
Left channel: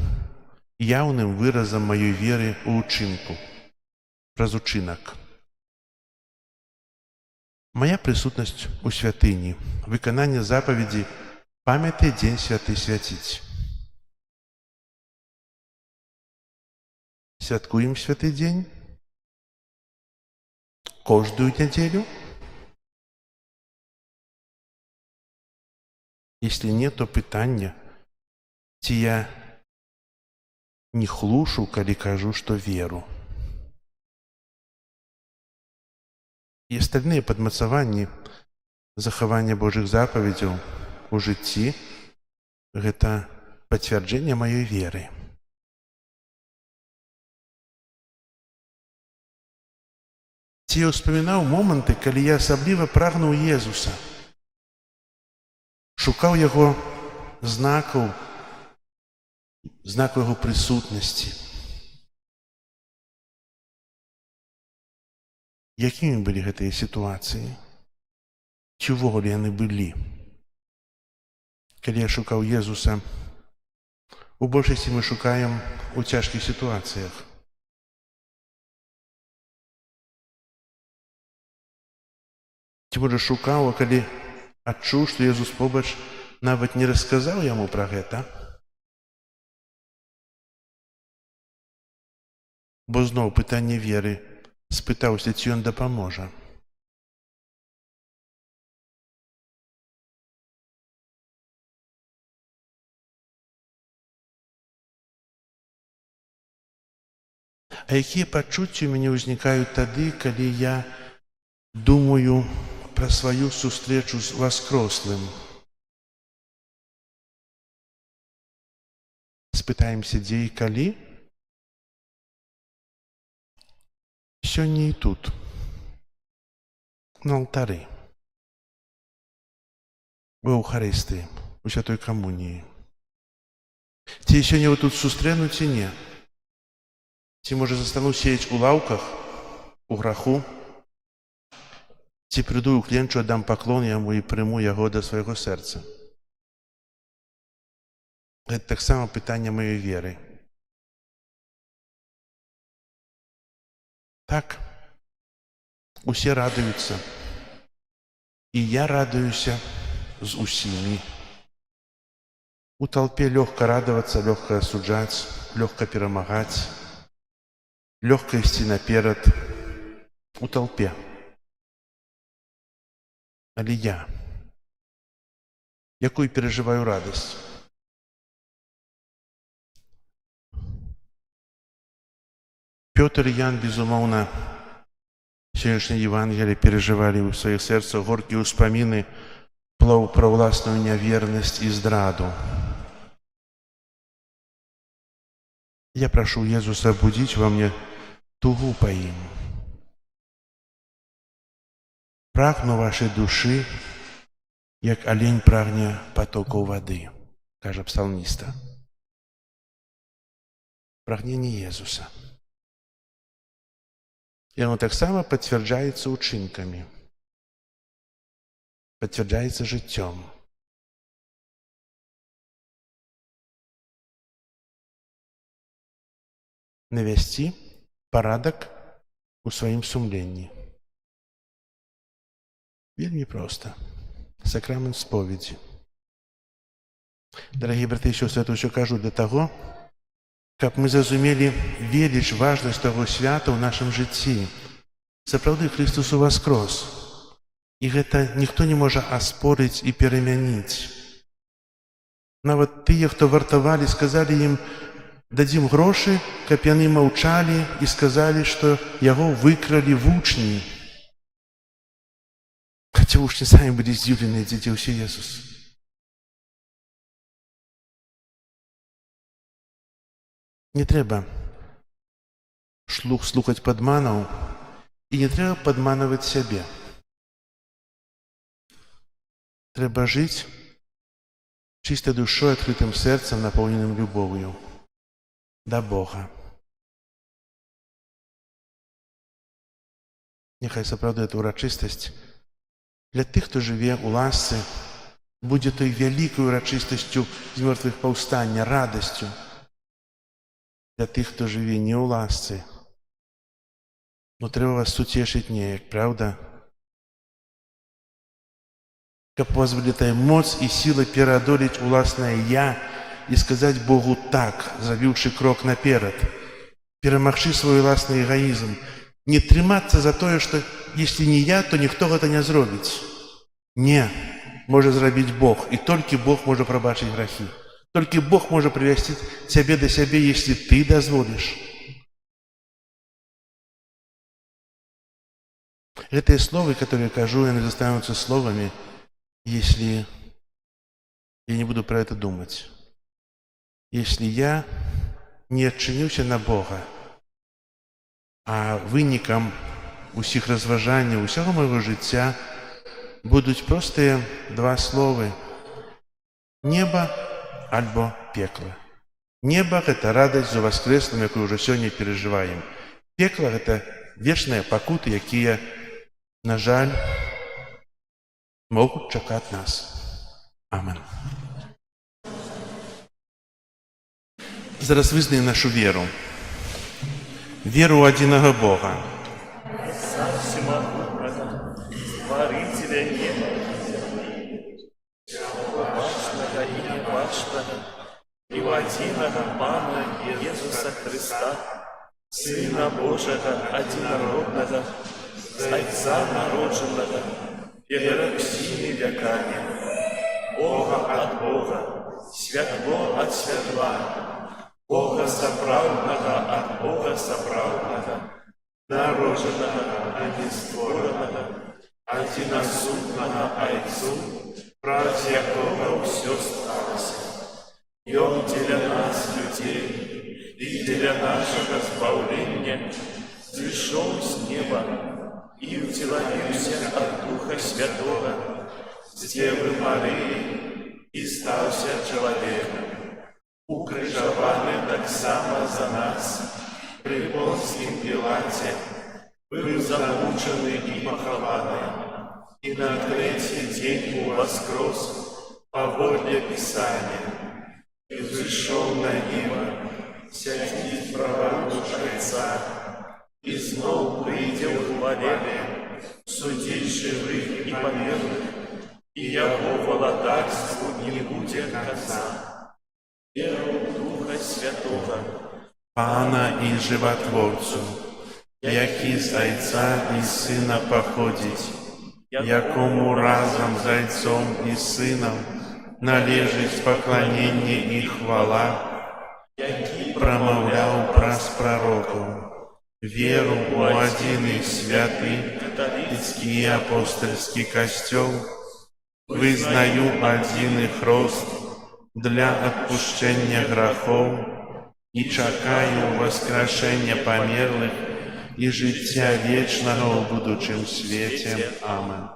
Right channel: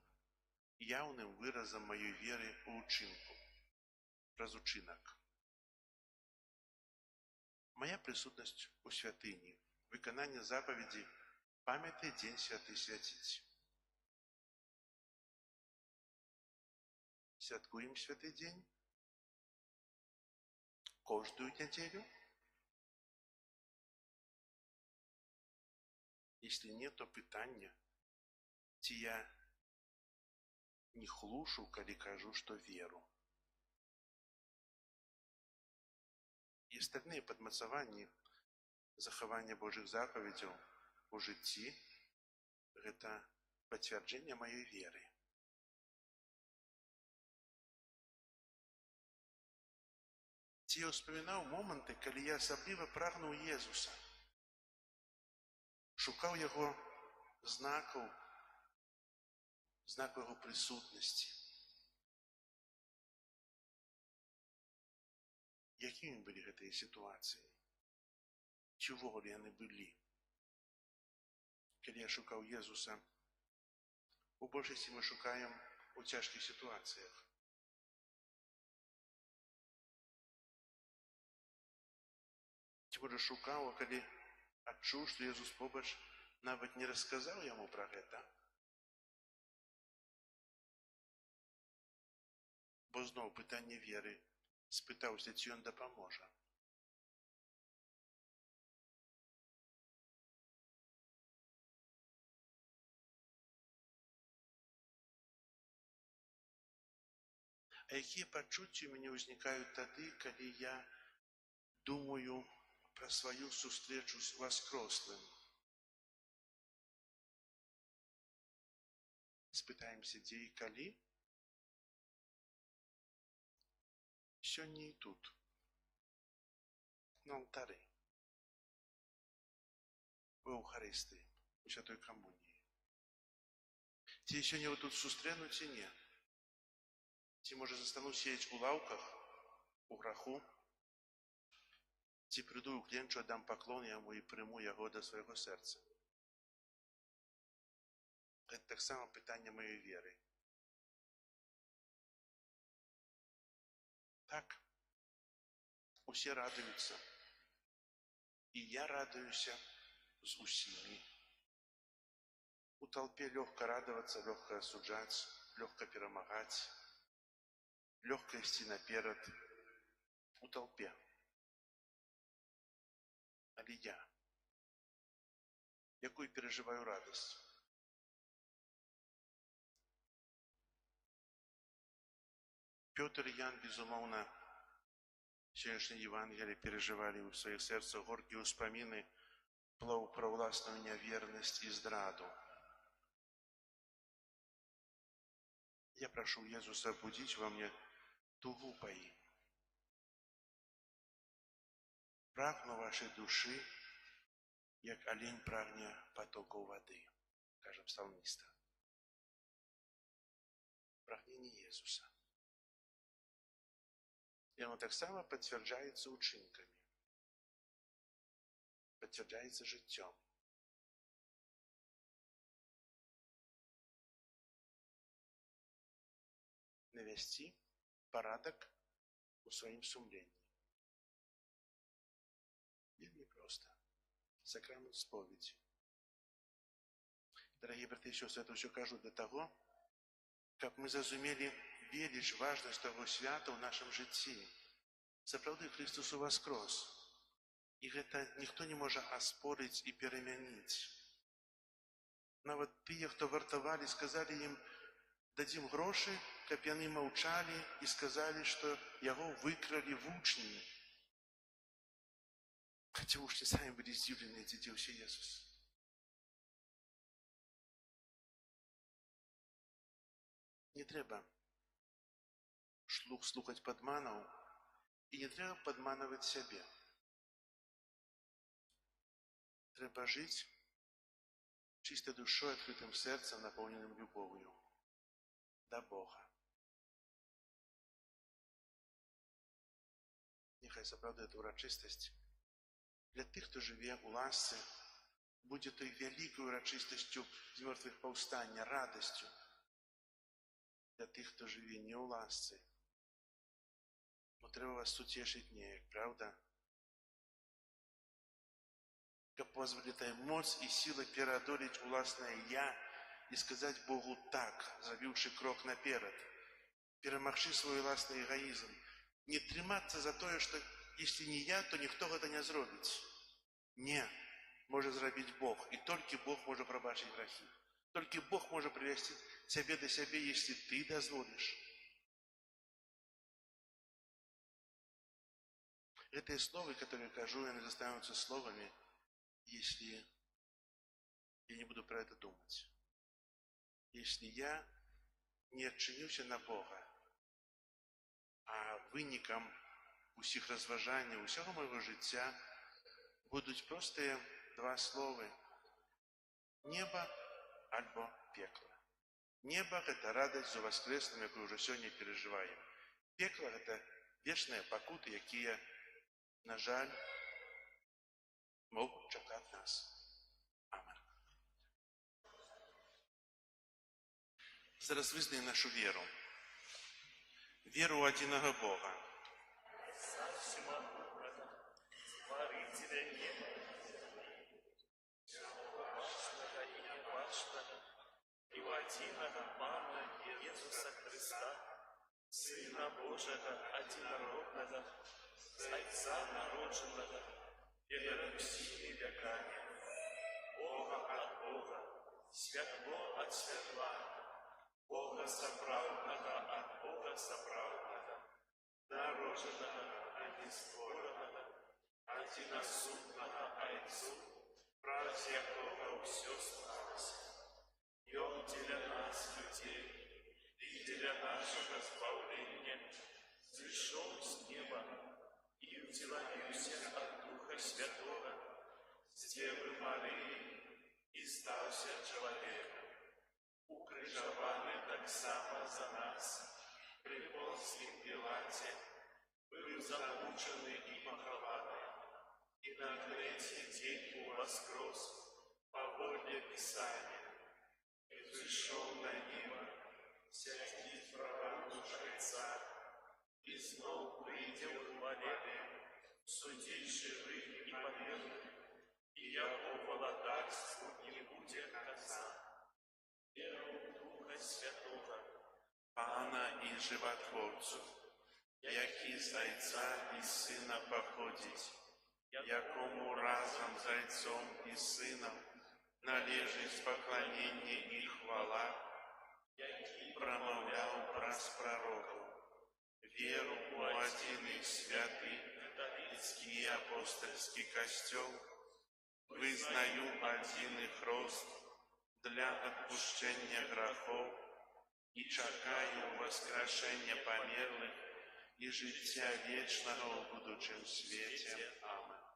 яўным выразам маёй веры ў учынку? Праз учынак. Мая прысутнасць у святыні, выкананне запаведзі «Памятай дзень святы свяціць». Святкуем святы дзень кожную нядзелю? Если нет, то пытанне, ці я не хлушу, калі кажу, што веру. І астальныя падмацаванні захавання Божых запаведзяў у жыцці – гэта пацвярджэнне маёй веры. Ці я ўспамінаў моманты, калі я асабліва прагнуў Езуса, шукаў Яго знакаў Яго прысутнасці. Якімі былі гэтыя сітуацыі? Ці ўвогуле яны былі? Калі я шукаў Езуса, у большасці мы шукаем у цяжкіх сітуацыях. Ці можа шукаў, а калі адчуў, што Езус побач, нават не расказаў яму пра гэта? Бо зноў пытанне веры. Спытаўся, ці ён дапаможа. А якія пачуцці ў мяне ўзнікаюць тады, калі я думаю пра сваю сустрэчу з воскрослым? Спытаемся, дзе і калі? Сёння і тут, на алтары, у Еўхарыстыі, у Святой Камуніі. Ці сёння вы тут сустрэну, ці не? Ці, можа, застану сеяць у лаўках, у граху? Ці прыйду ў кленчу, аддам паклон яму і прыму яго да свайго сэрца? Гэта таксама пытанне маёй веры. Так, усе радуюцца, і я радуюся з усімі. У толпе лёгка радавацца, лёгка асуджаць, лёгка перамагаць, лёгка ісці наперад. У толпе. Але я, якую перажываю радасць? Пётр і Ян, безумоўна, сённяшняе Евангелие перажывалі ў сваіх сэрцах горкія ўспаміны пра ўласную нявернасць і здраду. Я прашу Езуса будзіць ва мне тугу па ім. Прагну вашай душы, як алень прагне патокаў вады, кажа псалміста. Прагненне Езуса. І оно таксама пацвярджаецца ўчынкамі, пацвярджаецца жыццём. Навясці парадак у сваім сумленні. Вельмі проста. Сакрамент споведзі. Дарагія браты і сёстры, это ўсё кажу для таго, каб мы зразумелі веліч, важнасць таго свята ў нашым жыцці. Сапраўды, Христос уваскрос. І гэта ніхто не можа аспорыць і перамяніць. Нават тыя, хто вартавалі, сказалі ім, Дадзім грошы, каб яны маўчалі і сказалі, што яго выкралі вучні. Хаця вучні самі былі здзіўленыя, дзе ўсе Jesús. Не трэба слухаць падманаў і не трэба падманаваць сябе. Трэба жыць чистой душой, открытым сэрцам, напоўненым любов'ю да Бога. Няхай сапраўды эта урачыстасць для тых, хто жыве ў ласцы, будзе той вялікай урачыстасцю з мёртвых паўстання, радасцю. Для тых, хто жыве не ў ласцы, но трэба вас суцешыць неяк, правда? Каб у вас былі тая моц і сіла пераадолець уласнае «я» і сказаць Богу «так», зрабіўшы крок наперад, перамагчы свой уласны эгоізм, не трымацца за тое, што если не я, то ніхто гэта не зробіць. Не, можа зрабіць Бог, і толькі Бог можа прабачыць грахі. Толькі Бог можа привести цябе да сябе, если ты дазволіш. Гэтыя словы, которые кажу, яны застанутся словами, если я не буду про это думать. Если я не адчынюся на Бога, а вынікам усіх разважанняў, усяго майго жыцця будуць простыя два словы: неба альбо пекла. Неба — гэта радасць за воскреслым, якую ўжо сёння перажываем. Пекла — гэта вечныя пакуты, якія, на жаль, могуць чакаць нас. Амен. Зараз вызнаем нашу веру. Веру ў адзінага Бога. Всемогутного, Творителя неба и земли, башного и небашного, и в одиного Пана Иисуса Христа, Сына Божьего, одинородного, с Отца народженного, перед всеми веками, Бога от Бога, святло от светла, Бога соправдного от Бога соправдного, народженного, а не створенного, одиносудного Отцу, праз якого все сталося. И Он для нас, людей, и для нашего избавления, пришел с неба и утеловился от Духа Святого, с Девы Марии, и стался человеком. Укрыжованы так само за нас, при Понтском Пилате, был замучены и похованы, и на третий день воскрес по воле Писания, и взошел на небо, сядет правую Отца, и снова придя в хвале, судить живых и померлых, и его володарству не будет конца. Веру Духа Святого, Пана і Животворцу, який з Отця і Сина походить, якому разом з Отцом і Сином належить поклонение і хвала, промовляв праз пророков, веру у один и святый католический и апостольский костел, вызнаю один их рост для отпущения грехов и чакаю воскрешения померлых и життя вечного в будущем свете. Амен.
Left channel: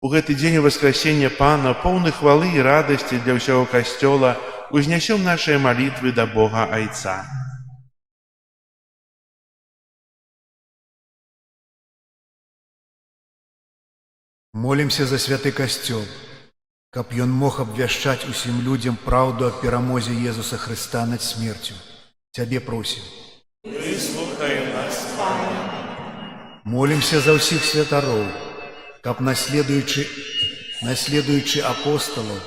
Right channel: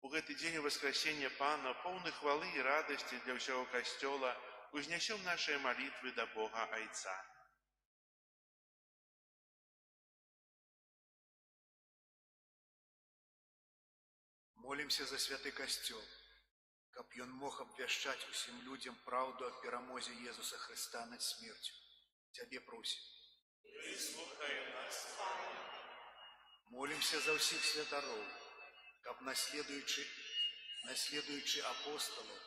У гэты дзень воскресения Пана, полны хвалы и радости для всего костела, узнесем наши молитвы до Бога Отца. Молимся за святы касцёл, каб ён мог абвяшчаць усім людзям праўду аб перамозе Езуса Христа над смерцю. Цябе просім. выслухай нас, Пане. Молимся за ўсіх святароў, каб наследуючы апостолаў,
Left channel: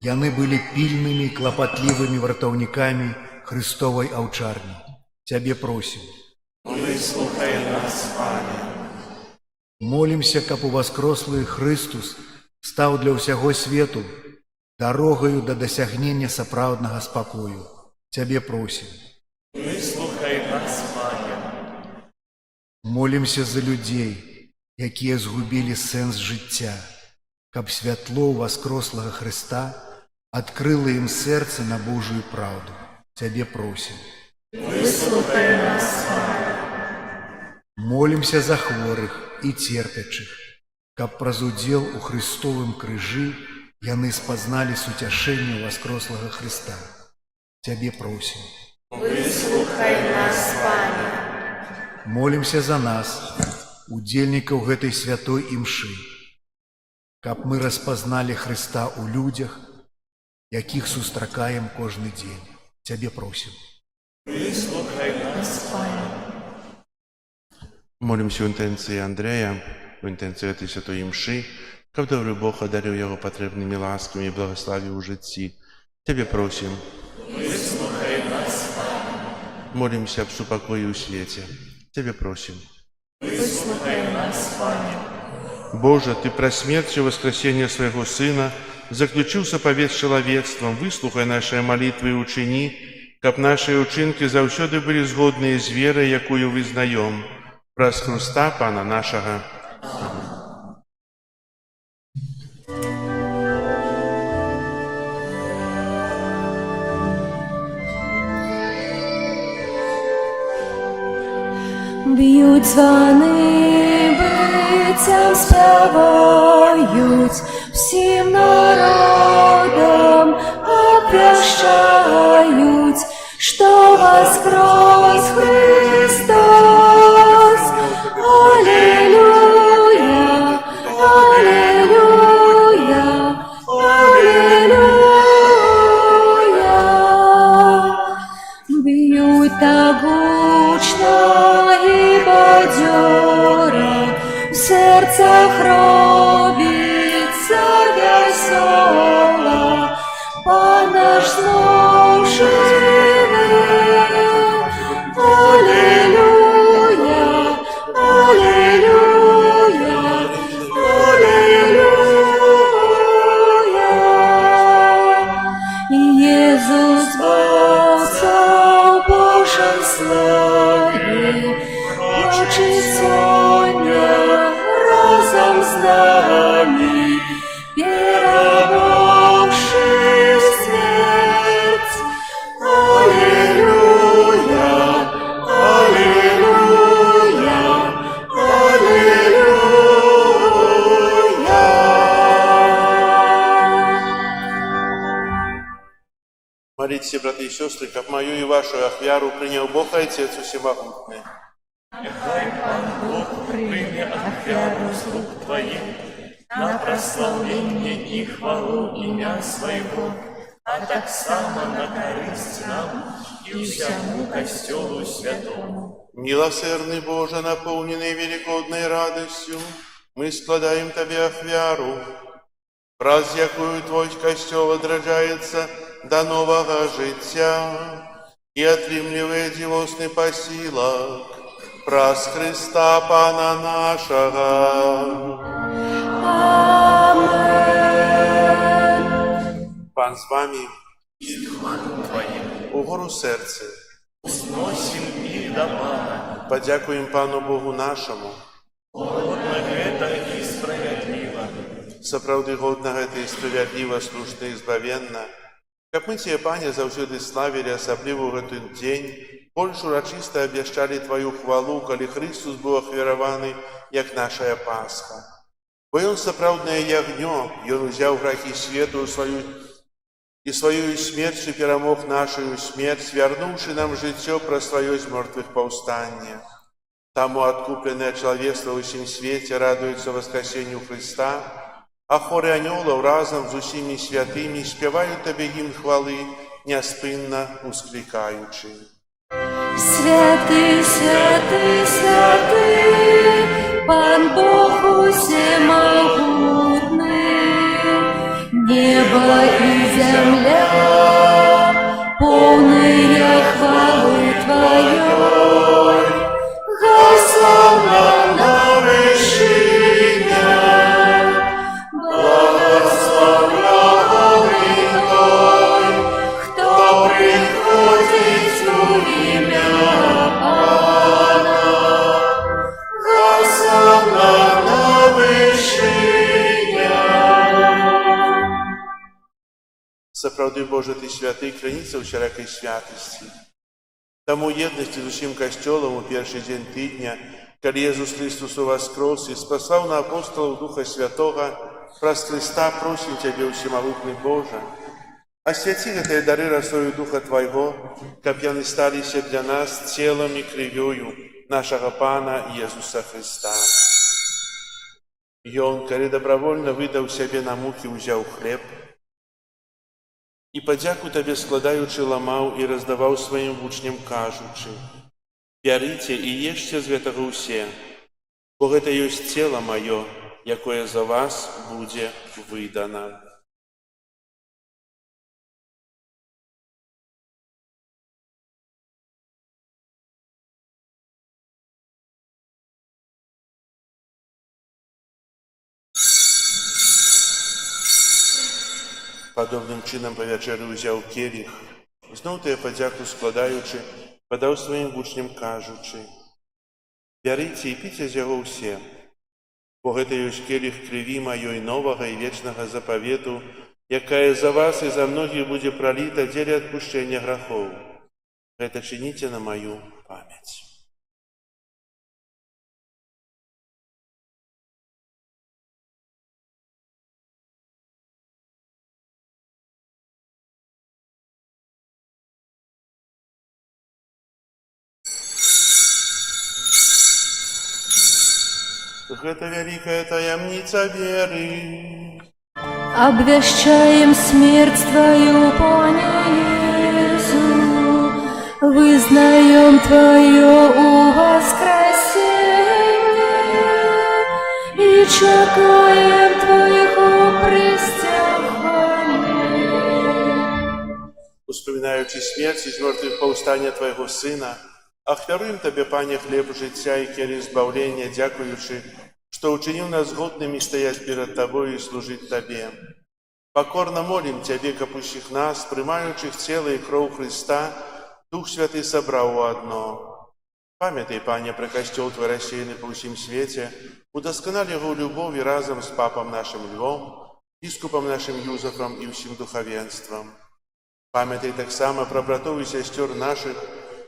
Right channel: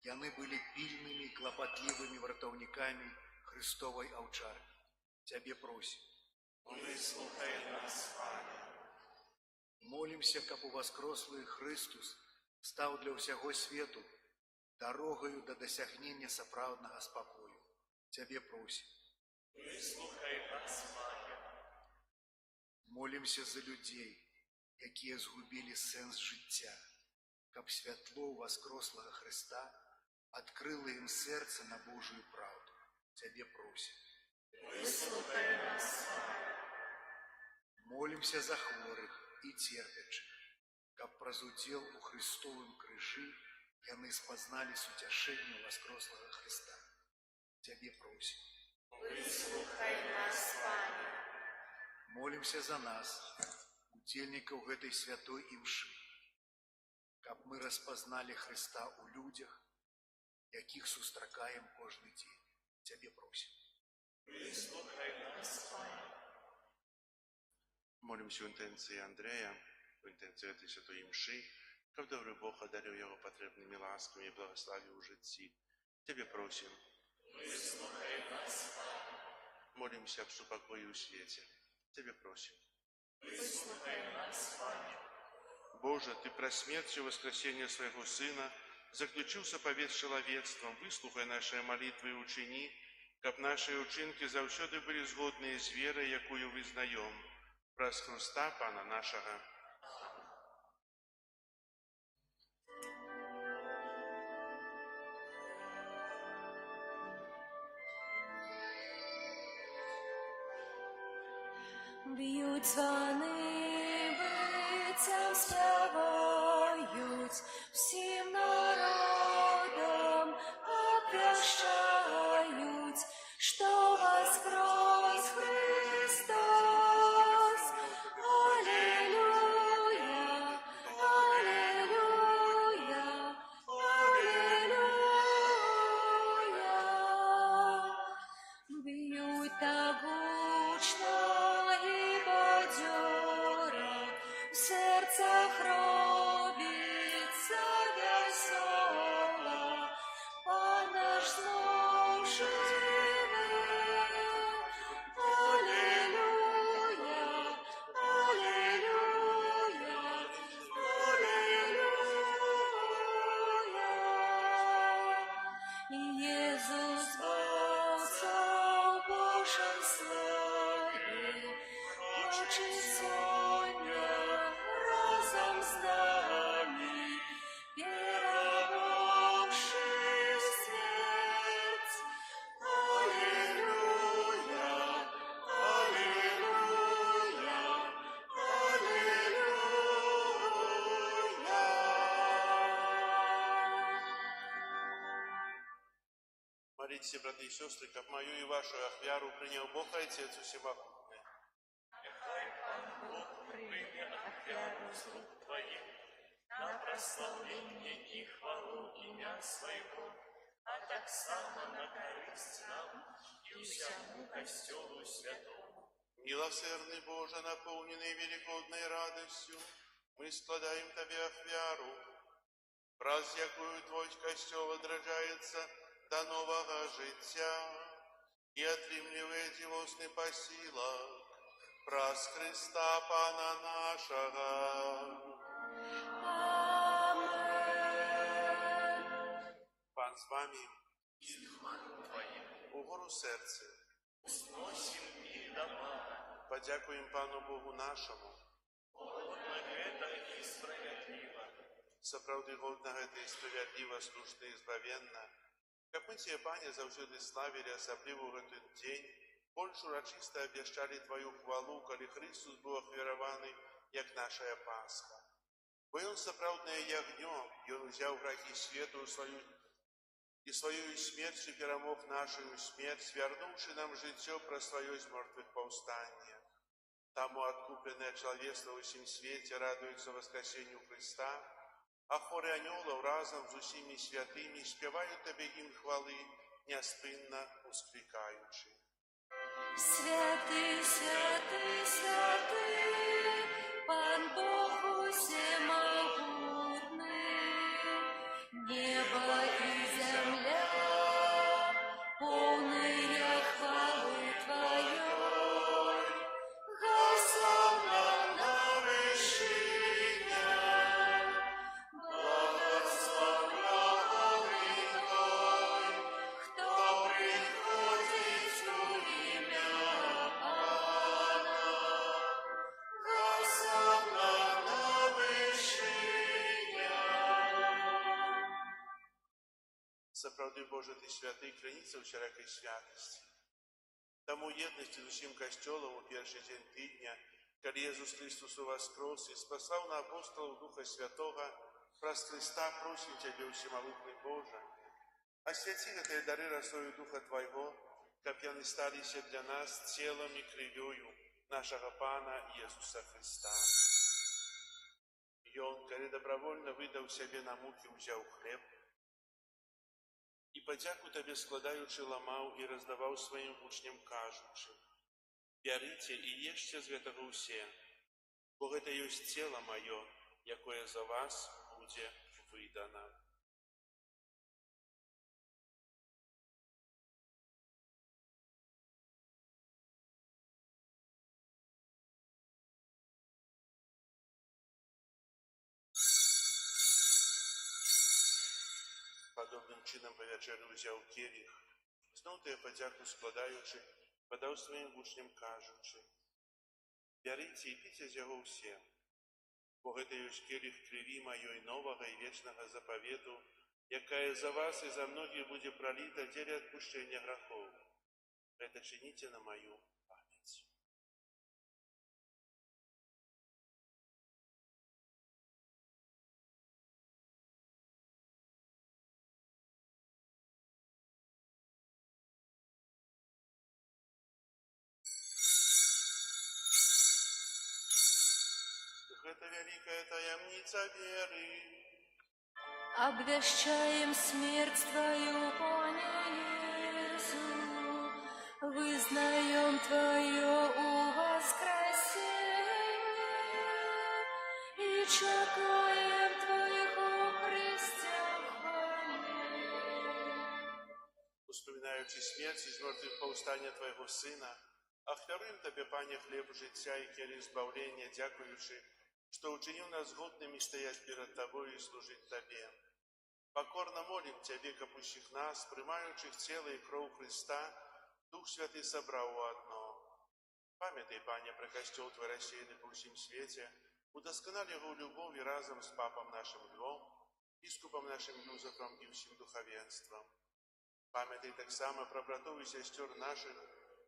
яны былі пільнымі і клапатлівымі вартаўнікамі Христовай аўчарні. Цябе просім. Выслухай нас, Пане. Молимся, каб уваскрослы Христус стаў для ўсяго свету дарогаю да дасягнення сапраўднага спакою. Цябе просім. Выслухай нас, Пане. Молімся за людзей, якія згубілі сэнс жыцця, каб святло воскрослага Хрыста адкрыла ім сэрца на Божую праўду. Цябе просім. Выслухай нас, Пане. Молімся за хворых і церпячых, каб праз удзел у Хрыстовым крыжы яны спазналі суцяшэнне воскрослага Хрыста. Цябе просім. Выслухай нас, Пане. Молімся за нас, удзельнікаў гэтай святой імшы, каб мы распазналі Хрыста ў людзях, якіх сустракаем кожны дзень. Цябе просім. Выслухай нас, Пане. Молимся в интенции Андрея, в интенции этой святой мши, как добрый Бог одарил его потребными ласками и благословил у житті. Тебе просим. Выслухай нас, Пане. Молимся об супокое у свете. Тебе просим. Выслухай нас, Пане. Боже, Ты про смерть и воскресение Своего Сына заключил заповедь с человечеством. Выслухай наши молитвы и учини, как наши учинки завсёды были згодные с верой, якую вызнаем. Праз Христа Пана нашего. Б'ють звони, бицям співають, всім народам обвящають, що воскрес Христос. Аллилуйя, аллилуйя, аллилуйя. Б'ють так гучно і бадьоро, в серцях робиться весела, Пан наш знов живе. Аллилуйя, аллилуйя, аллилуйя. Єсус Богця в Божій славі, бачить сьогодні разом з нами, перемогши смерть. Аллилуйя, аллилуйя, аллилуйя. Молитесь, братья и сестры, как мою и вашу ахвяру принял Бог Отец Всемогутный. Нехай Пан Бог прийме ахвяру з рук Твоїх на прославлення і хвалу ім'я Своєго, а так само на користь нам і всьому костьолу святому. Милосердный Боже, наполненный великодной радостью, мы складаем Тебе ахвяру, раз якою Твой костел отражается до нового життя и отрымливает дивосный посилок, праз Христа Пана нашего. Пан с вами, Твоїм угору серце. зносим і до Пана. Подякуем Пану Богу нашему. Годно гэта і справядліва. Сапраўды годна гэта і справядліва, слушна і збавенна. Как мы Тебе, Пане, заўсёды славілі, асабліва ў гэты дзень, больш урачыста абвяшчалі Твою хвалу, калі Христус быў ахвяраваны, як нашая Пасха. Бо Ён сапраўднае ягнё, Ён узяў грахі свету і сваёю смерцю перамог нашую смерць, вярнуўшы нам жыццё праз сваё з мёртвых паўстанне. Таму адкупленае чалавецтва ў усім свеце радуецца воскресенню Христа, а хоры анёлаў разам з усімі святымі спяваюць Табе гімн хвалы, няспынна усклікаючы. Святый, святый, святый, Пан Бог всемогутный, небо и земля, полные хвалы Твоей. Господа на вершине, благословляемый Той, кто приходит в имя сапраўды Божа Ты святы, крыніца ўсялякай святасці. Таму еднасці з усім касцёлам у першы дзень тыдня, калі Езус Христус уваскрос і спасаў на апостолаў Духа Святога, праз Христа просім Цябе, усемагутны Божа, асвяці гэтыя дары расою Духа Твайго, каб яны сталіся для нас целам і крывёю нашага Пана Езуса Христа. Ён, калі дабравольна выдаў сябе на мукі, узяў хлеб і падзяку Табе складаючы ламаў і раздаваў сваім вучням, кажучы: «Бярыце і ешце з гэтага ўсе, бо гэта ёсць цела маё, якое за вас будзе выдана». Падобным чынам па вячэры ўзяў келіх, зноў тыя падзяку складаючы, падаў сваім вучням, кажучы: «Бярыце і піце з яго ўсе, бо гэта ёсць келіх крыві маёй новага і вечнага запавету, якая за вас і за многіх будзе праліта дзеля адпушчэння грахоў. Гэта чыніце на маю памяць». Гэта вялікая таямніца веры. Обвящаем смерть Твою, Пане Иисус, вызнаем Твое воскресение и чекаем Твоего престяхания. Успоминаючи смерть і змёртвых паўстання Твайго Сына, ахвяруем Табе, Пане, хлеб жыцця і келіх збаўлення, дзякуючы, што ўчыніў нас годнымі стаяць перад Табою і служыць Табе. Пакорна молім Цябе, каб усіх нас, прымаючых цела і кроў Христа, Дух Святы сабраў у адно. Памятай, Пане, пра касцёл Твой рассеяны па ўсім свеце, удасканал яго ў любові разам з папам нашым Львом, біскупам нашым Юзафам і ўсім духавенствам. Памятай таксама пра братоў і сясцёр нашых,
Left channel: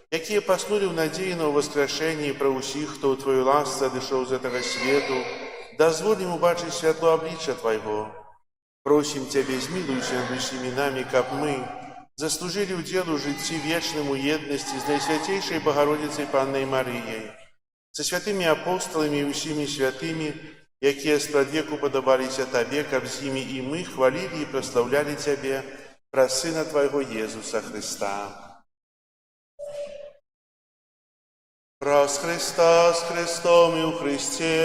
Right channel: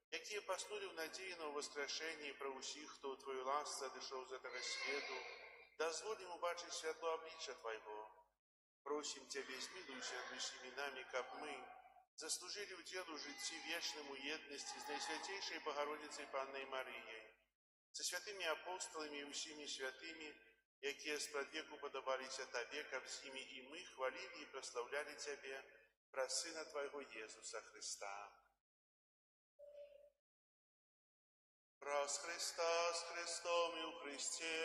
якія паснулі ў надзеі на ўваскрашэнне, і пра ўсіх, хто ў Твою ласцы адышоў з гэтага свету, дазволім убачыць святло аблічча Твайго. Просім Цябе, змілуйся над усімі намі, каб мы заслужылі ўдзел у жыцці вечным у еднасці з Найсвяцейшай Багародзіцай Паннай Марыяй, са святымі апосталамі і ўсімі святымі, якія спрадвеку падабаліся Табе, каб з імі і мы хвалілі і праслаўлялі Цябе праз Сына Твайго Езуса Христа. Праз Христа, з Христом і ў Христе,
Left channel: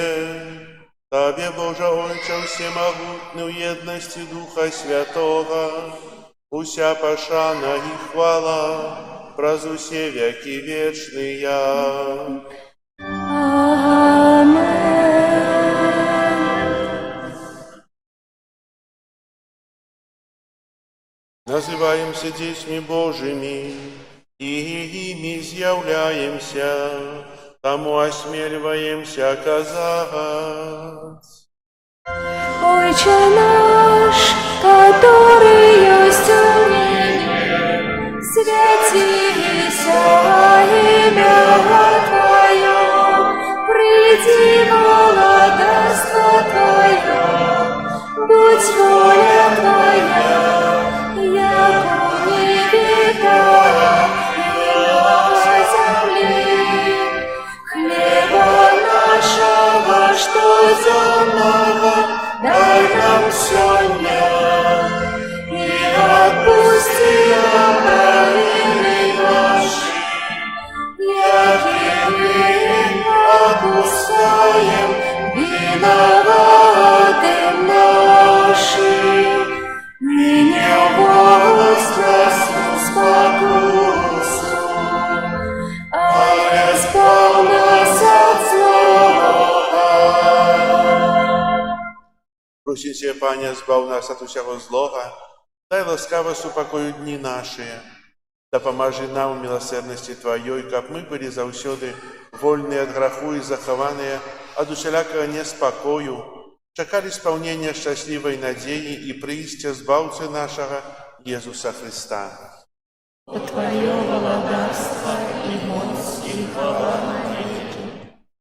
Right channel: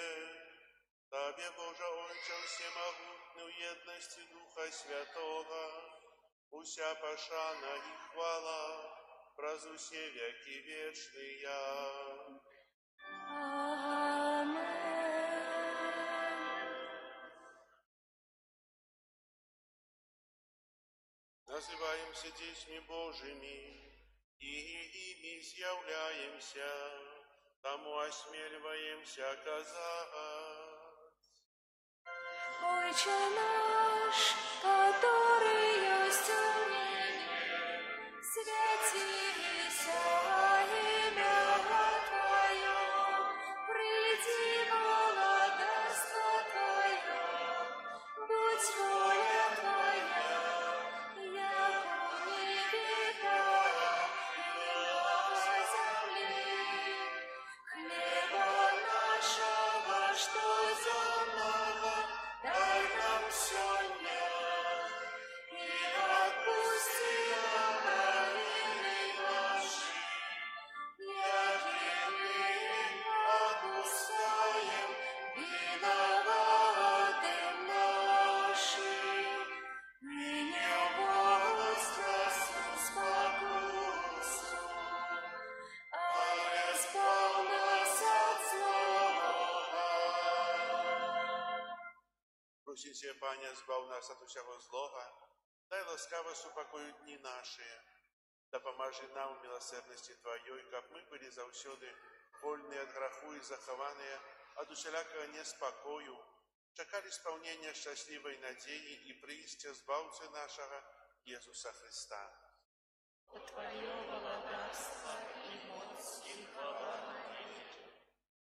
Табе, Божа Ойча, всемагутны ў еднасці Духа Святога, уся пашана і хвала праз усе векі вечныя. Называемся дзецьмі Божымі, і імі з'яўляемся, таму асмельваемся казаць. Отче наш, который есть в небе, святися имя Твое, приди владарство Твое, будь воля Твоя, яко в небе, так и на земле. Хлеба нашего, что земного, дай нам сегодня, и отпусти нам провины наши, яки мы отпускаем виноватым нашим, и не вводь нас в спокусу, а избавь нас от злого. Просім Цябе, Пане, збаў нас ад усяго злога, дай ласкава супакою дні нашыя. Дапамажы нам у міласэрнасці Тваёй, каб мы былі заўсёды вольныя ад граху і захаваныя ад усялякага неспакою, чакалі спаўнення шчаслівай надзеі і прыйсця збаўцы нашага Иисуса Христа. Твое владарство и мощь и хвала навеки.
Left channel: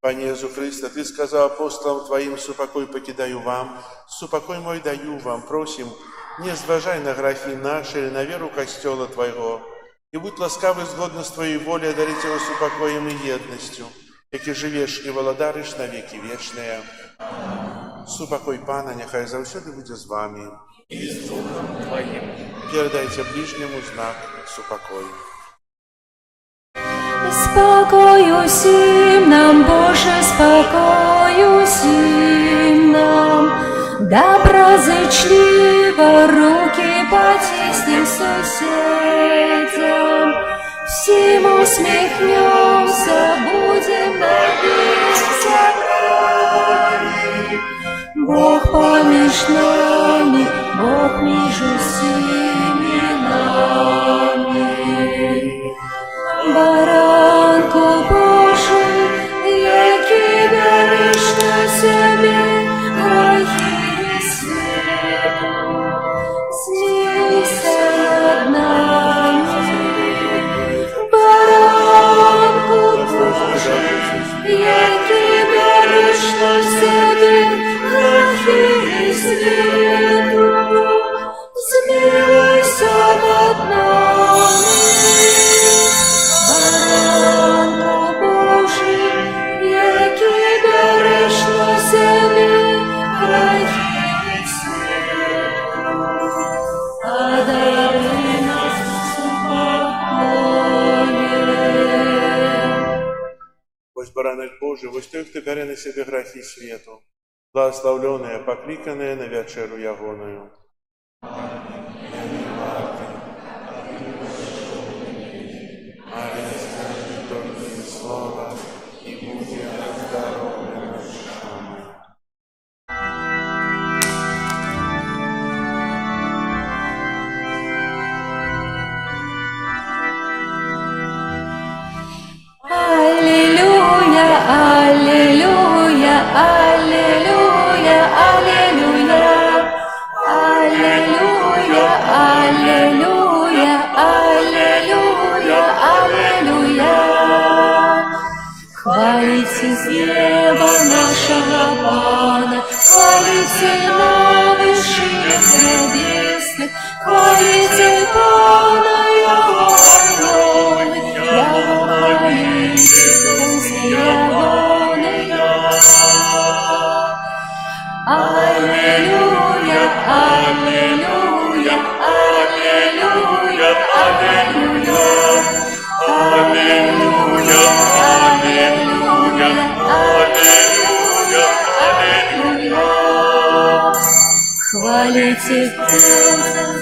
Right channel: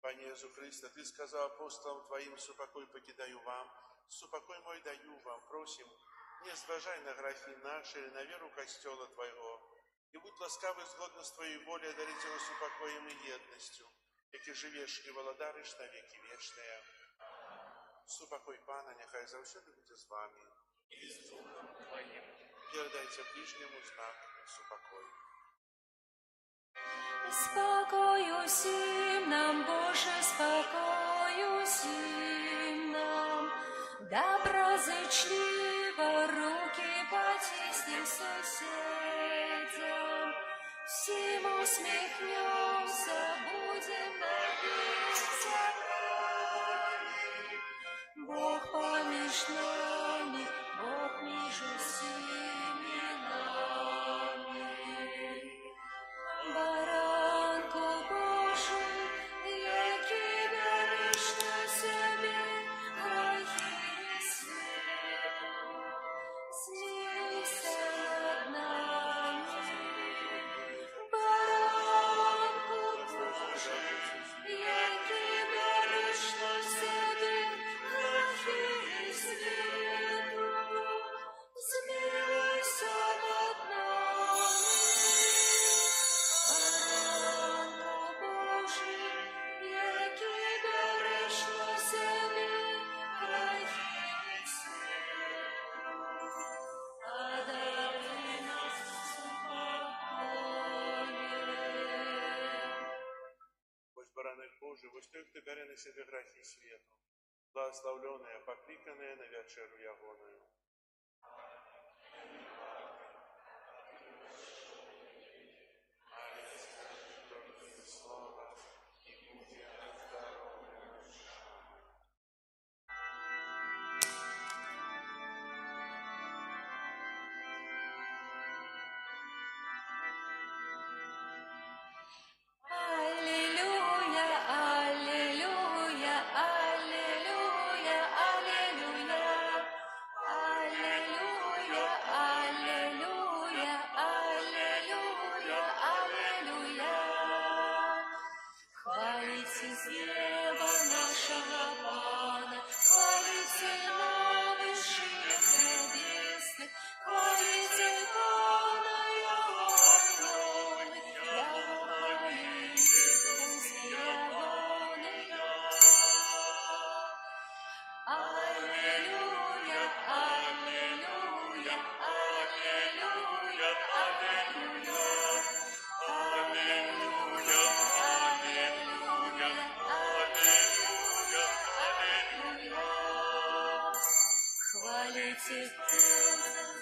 Пане Иису Христе, Ты сказал апостолам Твоим: «Супокой покидаю вам, супокой мой даю вам». Просим, не зважай на грехи наши или на веру Костела Твоего, и будь ласкавый згодно с Твоей волей одарить его супокоем и едностью, яки живешь и володариш на веки вечные. Супокой Пана, нехай завсёды буде з вами. И с Духом Твоим. Передайте ближнему знак супокой. Спокою всім нам, Боже, спокою всім нам. Доброзычливо руки потиснем соседям. Всем усмехнемся, будем надеяться край. Бог помеж нами, Бог между всеми нами. Баранку Божий, який береш на себе грехи світу, змилуйся над нами. Баранку Божий, який береш на себе грехи світу, змилуйся над нами. Баранку Божий, який береш на себе грехи світу, одари нас спокоєм. Ось баранок Божий, ось той, хто бере на себе грехи світу, благословленная, покликанная на вечеру ягоною. Мария, скажи только слово, и будет оздоровлена душа моя. Аллилуйя, аллилуйя, аллилуйя, аллилуйя. Аллилуйя, аллилуйя, аллилуйя, аллилуйя. Хвалите с неба нашего Пана, хвалите на вышиях небесных, хвалите Пана, Его ангелы, Его хвалите, пусть ягоны. Аллилуйя, аллилуйя, аллилуйя, аллилуйя. Аллилуйя, аллилуйя, аллилуйя, аллилуйя. Хвалите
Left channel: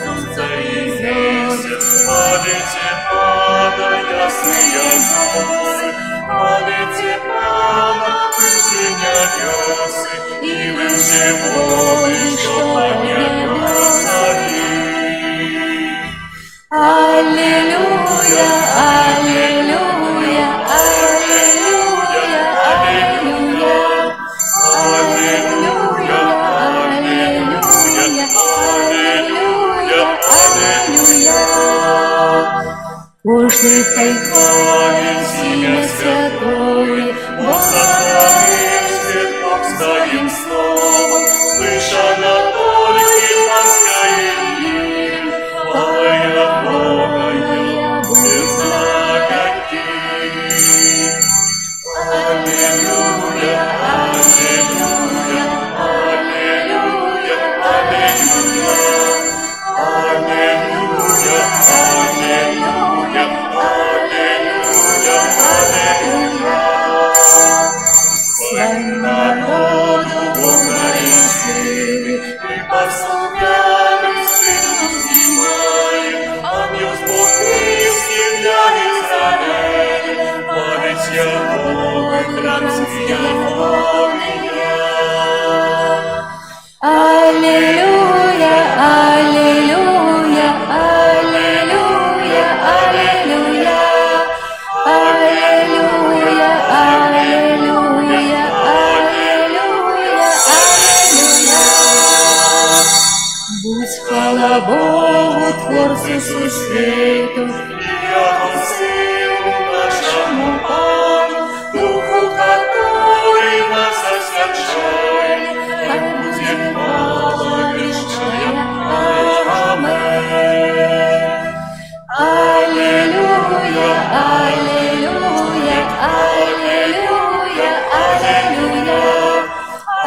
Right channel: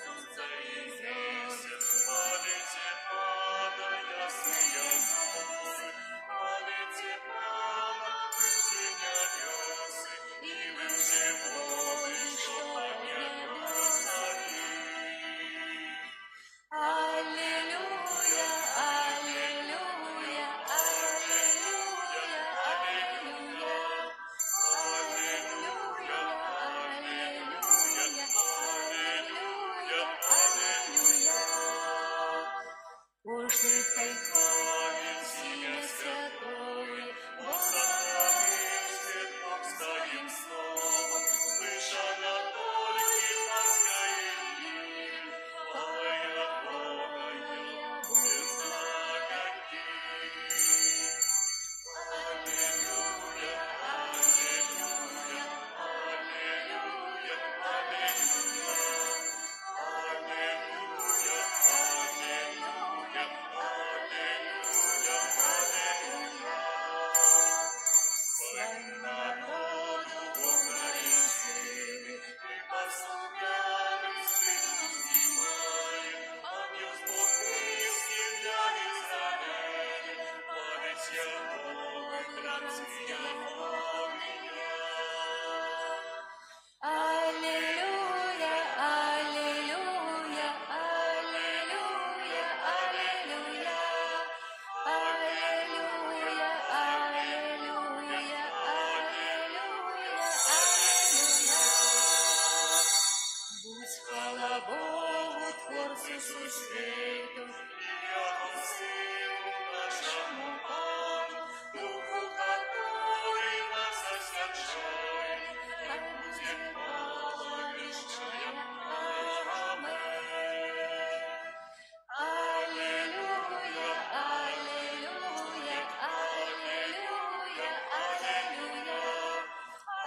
солнце и звезды, Хвалите Пана, ясные звезды, хвалите Пана, выше небесы, и выше воды, что по небу цари. Аллилуйя, аллилуйя, аллилуйя, аллилуйя. Аллилуйя, аллилуйя, аллилуйя, аллилуйя. Кожний хай хвалить ім'я святое, Бог сотворив світ, Бог своїм словом, выше над только морское имя, Твоя Богая, без каких. Аллилуйя, аллилуйя, аллилуйя, аллилуйя. Аллилуйя, аллилуйя, аллилуйя, аллилуйя. Своим народу Бог дарит силы, И послугами силу снимает, ангел Бог Христи для Израиля, память Яковы, братцы Яковлия. Аллилуйя, аллилуйя, аллилуйя, аллилуйя. Аллилуйя, аллилуйя, аллилуйя, аллилуйя. Будь хвала Богу Творцю сусвіту, яко силу нашому Пану, Духу, который нас освящает, хай будет хвала вечная. Аминь. Аллилуйя, аллилуйя, аллилуйя, аллилуйя.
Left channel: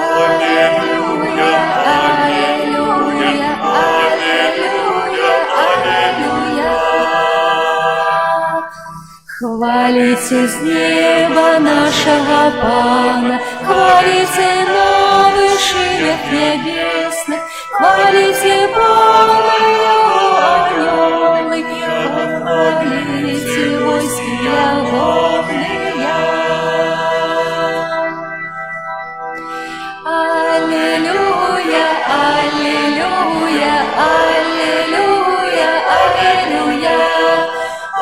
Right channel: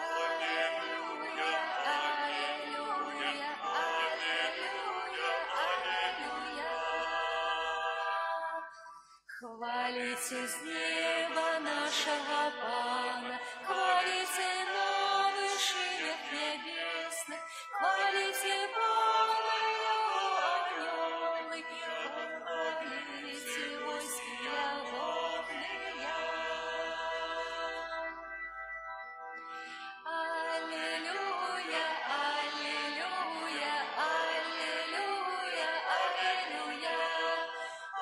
Аллилуйя, аллилуйя, аллилуйя, аллилуйя. Хвалите с неба нашего Пана, хвалите на вышинах небесных, хвалите Бога, Его анёлы, хвалите войски огромные. Аллилуйя, аллилуйя, аллилуйя, аллилуйя.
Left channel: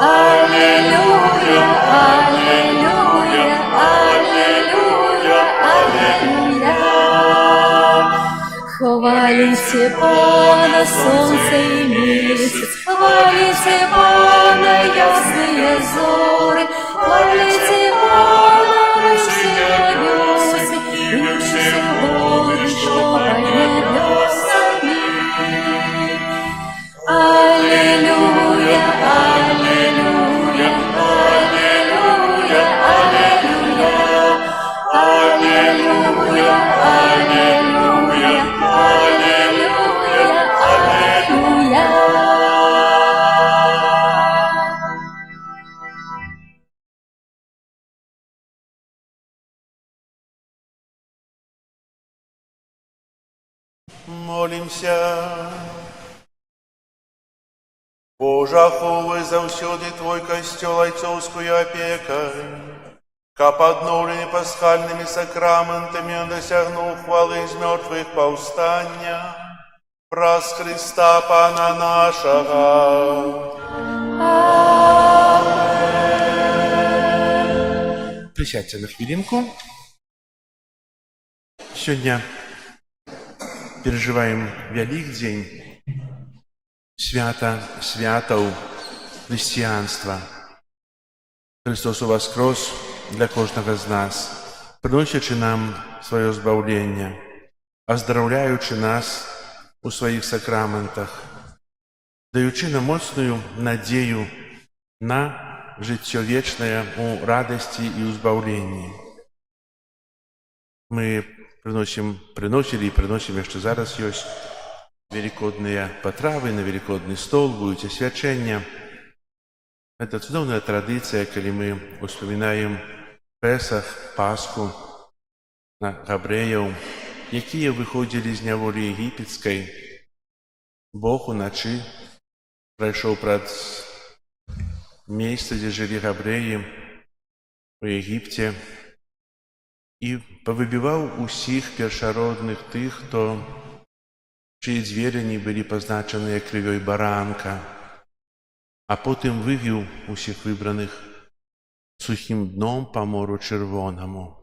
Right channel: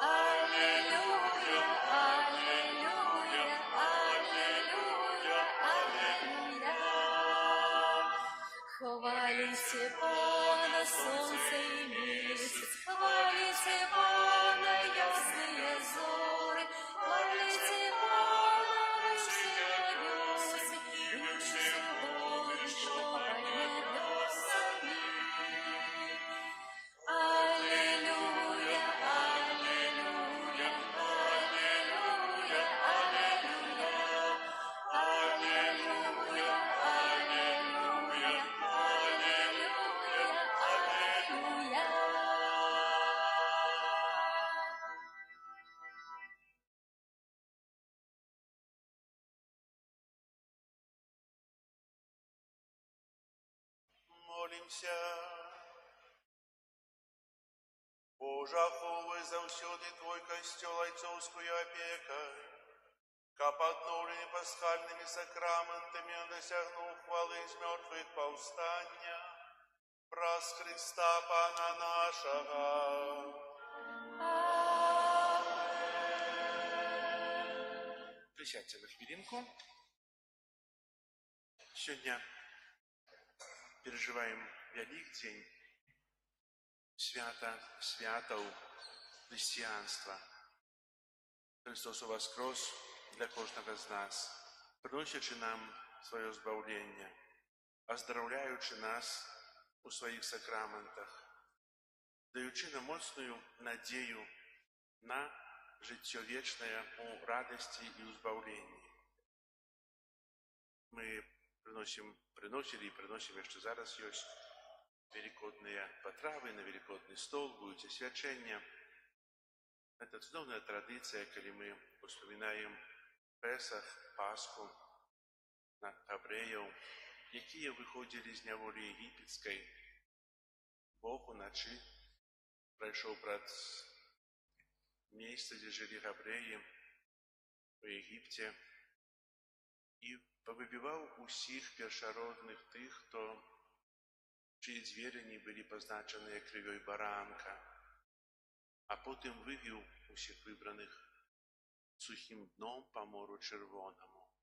Аллилуйя, аллилуйя, аллилуйя, аллилуйя. Хвалите Пана, солнце и месяц, хвалите Пана, ясные зоры, хвалите Пана, все небеса, и все воды, что под небесами. Аллилуйя, аллилуйя, аллилуйя, аллилуйя. Аллилуйя, аллилуйя, аллилуйя, аллилуйя. Молимся. Боже, аховуй заўсёды Твой касцёл айцоўскую апекай, каб адноўлены пасхальнымі сакраментамі он дасягнуў хвалы з мёртвых паўстання праз Христа Пана нашага. Присядьте на хвилинку. Сегодня переживаем Великдень, свято святаў христианства. Христос воскрес для кожного з нас, приносячи нам свое збавлення, оздоровляючи нас у своих сакраментах, даючи нам моцную надею на жыццё вечнае у радости и у збаўленні. Мы приносили и приносим яшчэ зараз ёсць великодные потравы на великодный стол, будут освячения. Это цудоўная традиция, когда мы успоминаем Песах, Пасху, на габрэяў, якія выходзілі з няволі егіпецкай. Бог уначы прайшоў праз месца, дзе жылі габрэі у Егіпце, і павыбіваў усіх першародных тых, чые звери былі пазначаныя крывёй баранка, а потым вывеў усіх выбраных сухім дном па мору чырвонаму.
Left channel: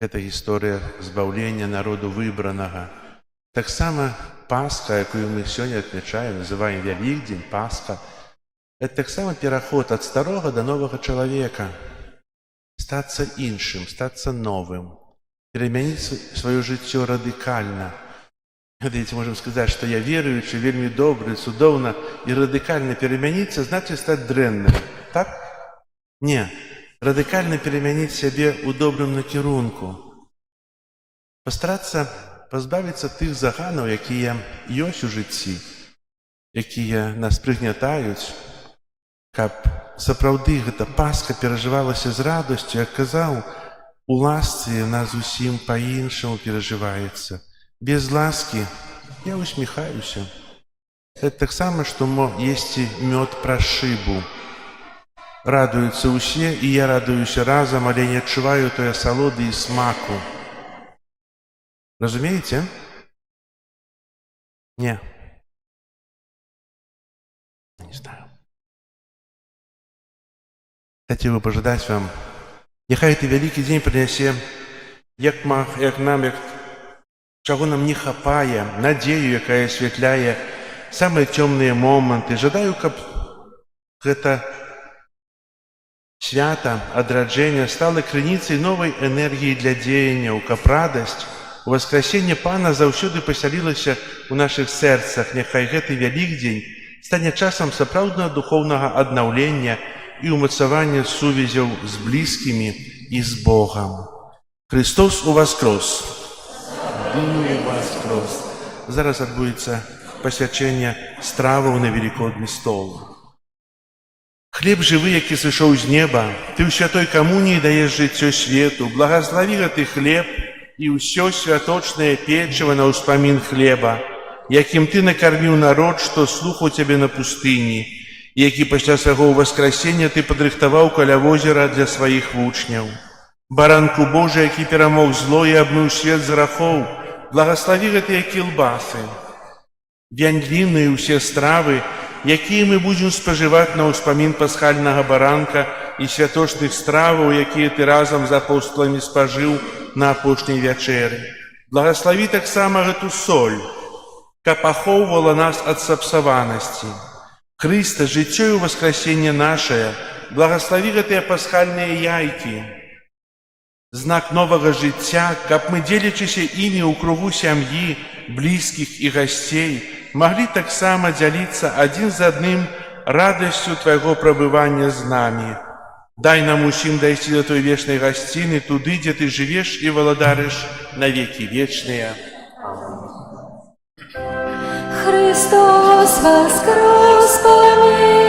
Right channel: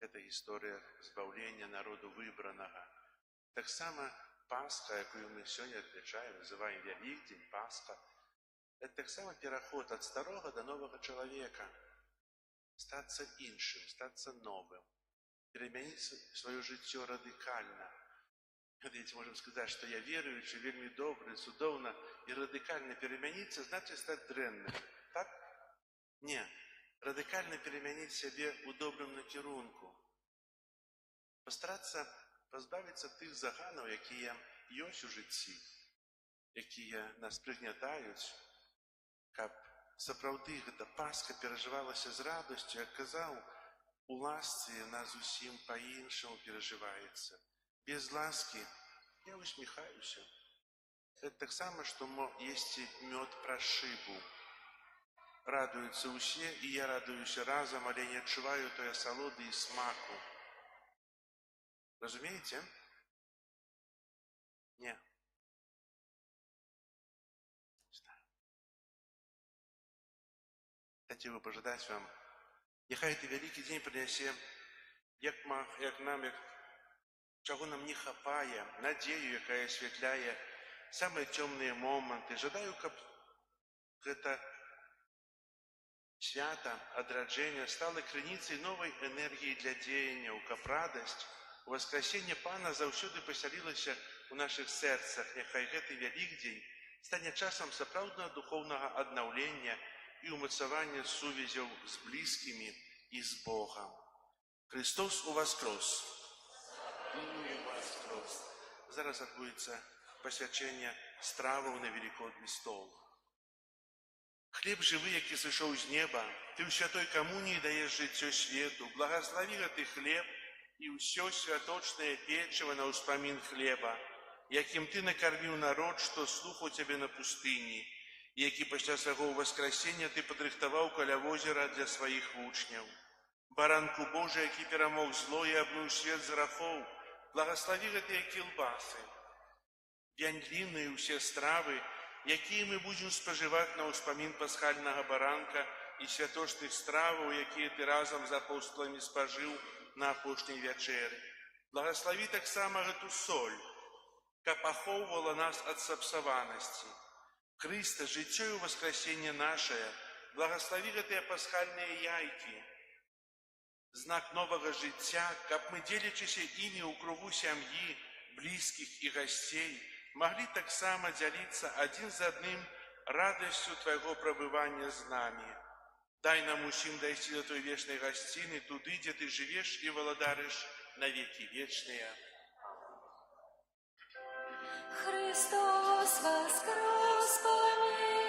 Это гісторыя збаўлення народу выбранага. Таксама Пасха, якую мы сёння адмячаем, называем Вялікдзень, Пасха, это таксама пераход ад старога да новага чалавека, стацца іншым, стацца новым, перамяніць сваё жыццё радыкальна. Видите, можем сказать, что я веруючы, вельмі добры, цудоўна, і радыкальна перамяніцца, значит стаць дрэнным. Так? Не. Радыкальна перамяніць сябе ў добрым накірунку. Пастарацца пазбавіцца тых заганаў, якія ёсць у жыцці, якія нас прыгнятаюць, каб сапраўды гэта Пасха перажывалася з радасцю, як казаў, у ласцы яна зусім па-іншаму перажываецца. Без ласки я усміхаюся. Это таксама, што есці мёд праз шыбу. Радуюцца ўсе, і я радуюся разам, але не адчуваю той асалоды і смаку. Разумееце? Не. Не знаю. Хотел бы пожелать вам, нехай этот великий день принесе, чаго нам не хапае, надзею, якая асвятляе самыя цёмныя моманты. Жадаю, каб гэта свята адраджэння стала крыніцай новай энергіі для дзеянняў, каб радасць уваскрасення Пана заўсёды пасялілася ў нашых сэрцах. Няхай гэты Вялікдзень стане часам сапраўднага духоўнага аднаўлення і ўмацавання сувязяў з блізкімі і з Богам. Христос уваскрос! Зараз адбудзецца пасвячэнне страваў на велікодны стол. Хлеб жывы, які сышоў з неба, ты ў святой камуніі даеш жыццё свету. Благаславі гэты хлеб і ўсё святочнае печыва на ўспамін хлеба, якім ты накарміў народ, што слухаў цябе на пустыні, які пасля свайго ўваскрасення ты падрыхтаваў каля возера для сваіх вучняў. Баранку Божы, які перамог зло і абмыў свет з грахоў, благаславі гэтыя кілбасы, вяндліны і ўсе стравы, якія мы будзем спажываць на ўспамін пасхальнага баранка і святочных страваў, якія ты разам з апосталамі спажыў на апошняй вячэры. Благаславі таксама гэту соль, каб ахоўвала нас ад сапсаванасці. Хрыста, жыццё і ўваскрасенне нашае, благаславі гэтыя пасхальныя яйкі, знак новага жыцця, каб мы, дзелячыся імі ў кругу сям'і, блізкіх і гасцей, маглі таксама дзяліцца адзін з адным радасцю твайго прабывання з намі. Дай нам усім дайсці да той вечнай гасціны, туды, дзе ты жывеш і валадарыш на векі вечныя. Христос воскрес померлых,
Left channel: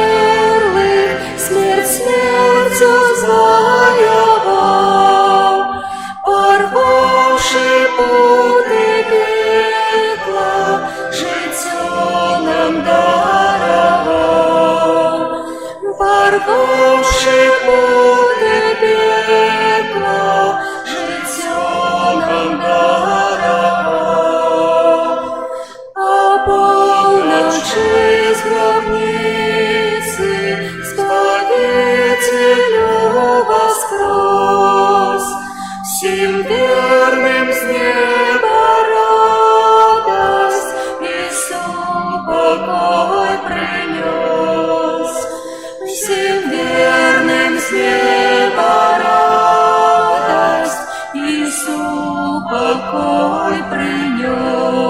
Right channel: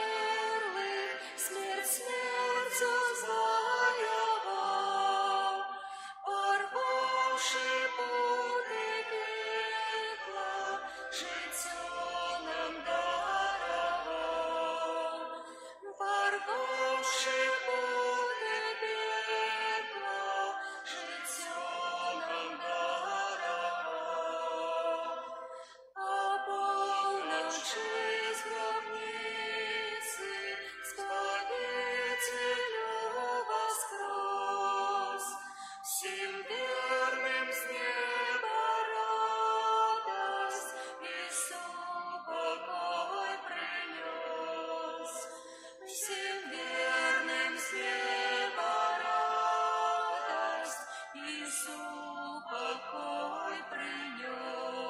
смерть смертью завоевал, порвавши путы пекла, життя нам даровал, порвавши путы пекла, життя нам даровал. Полночи с гробницы Спасителю воскрес, всем верным с неба радость и покой принес. Всем верным с неба радость и покой принес.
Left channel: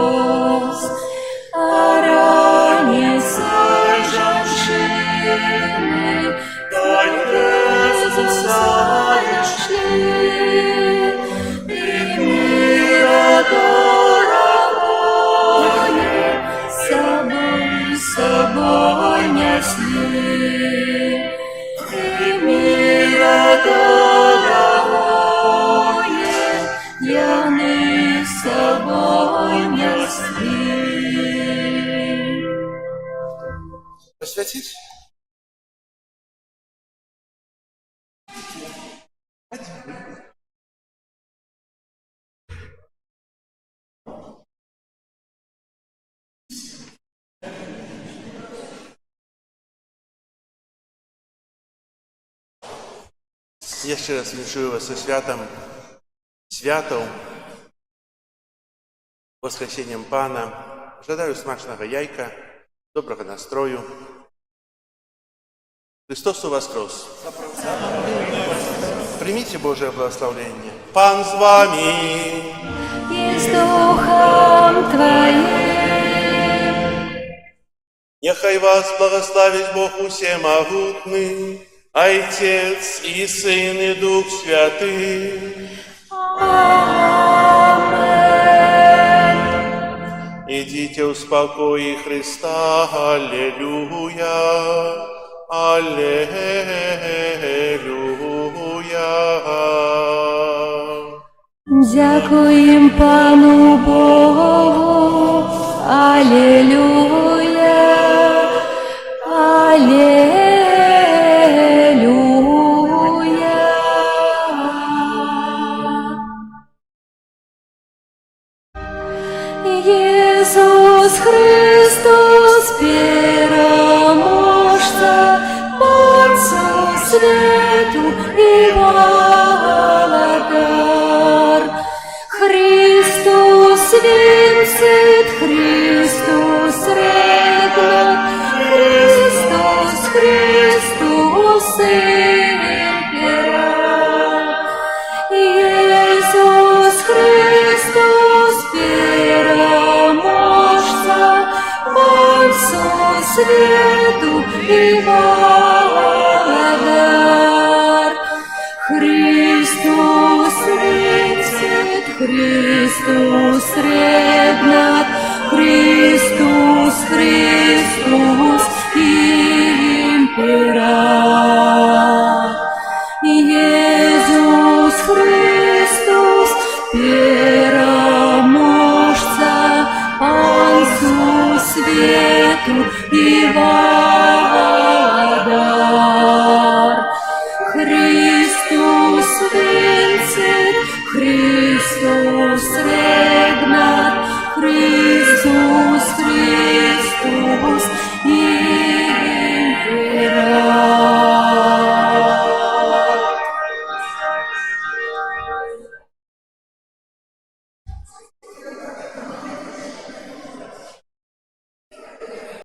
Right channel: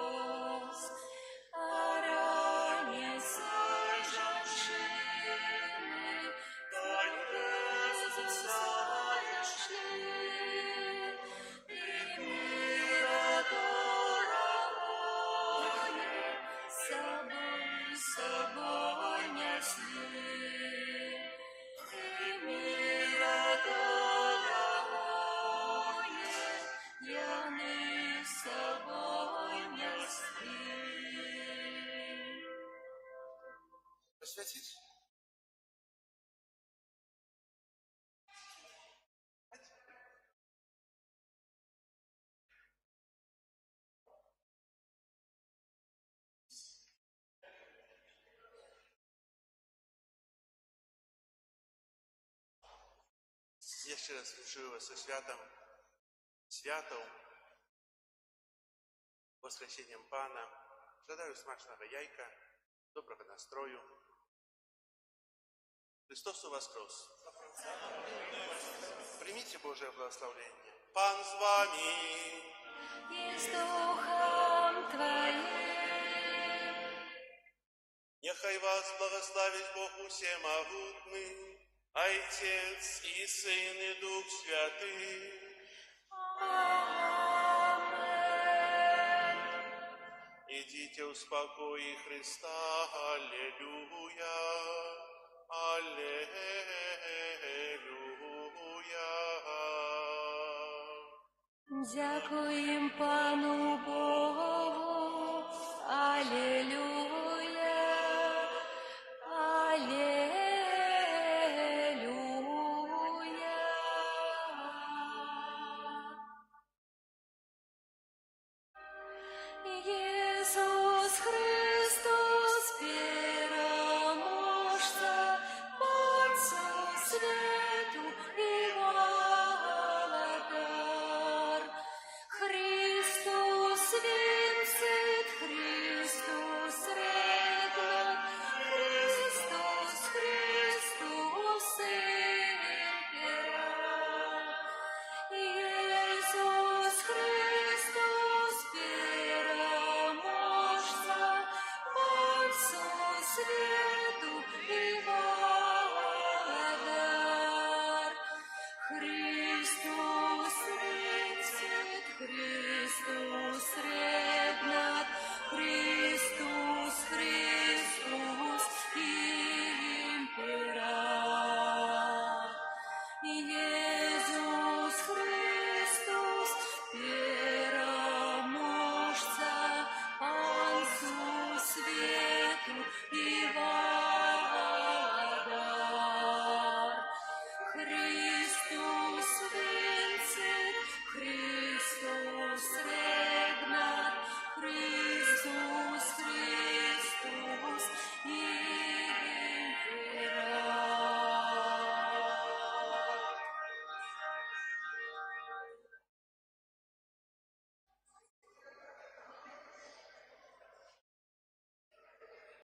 А ранецой женщины до Иисуса шли, и мира дорогое собой несли, и мира дорогое яны с собой несли. Посвятить? Jeszcze raz wierzę Was ze światą, Воскресеннем Пана. Жадаю смачного яйка, доброго настрою. Христос воскрес! Примите Божие благословение. Пан с вами! И с Духом Твоим. Нехай вас благословит Бог Всемогутный, Отец и Сын и Дух Святый. Амен. Идите в спокое Христа. Аллилуйя. Аллилуйя. Дякуем Пану Богу. Аллилуйя. Аллилуйя. Иисус Христос, переможца, Отцу свету и вам.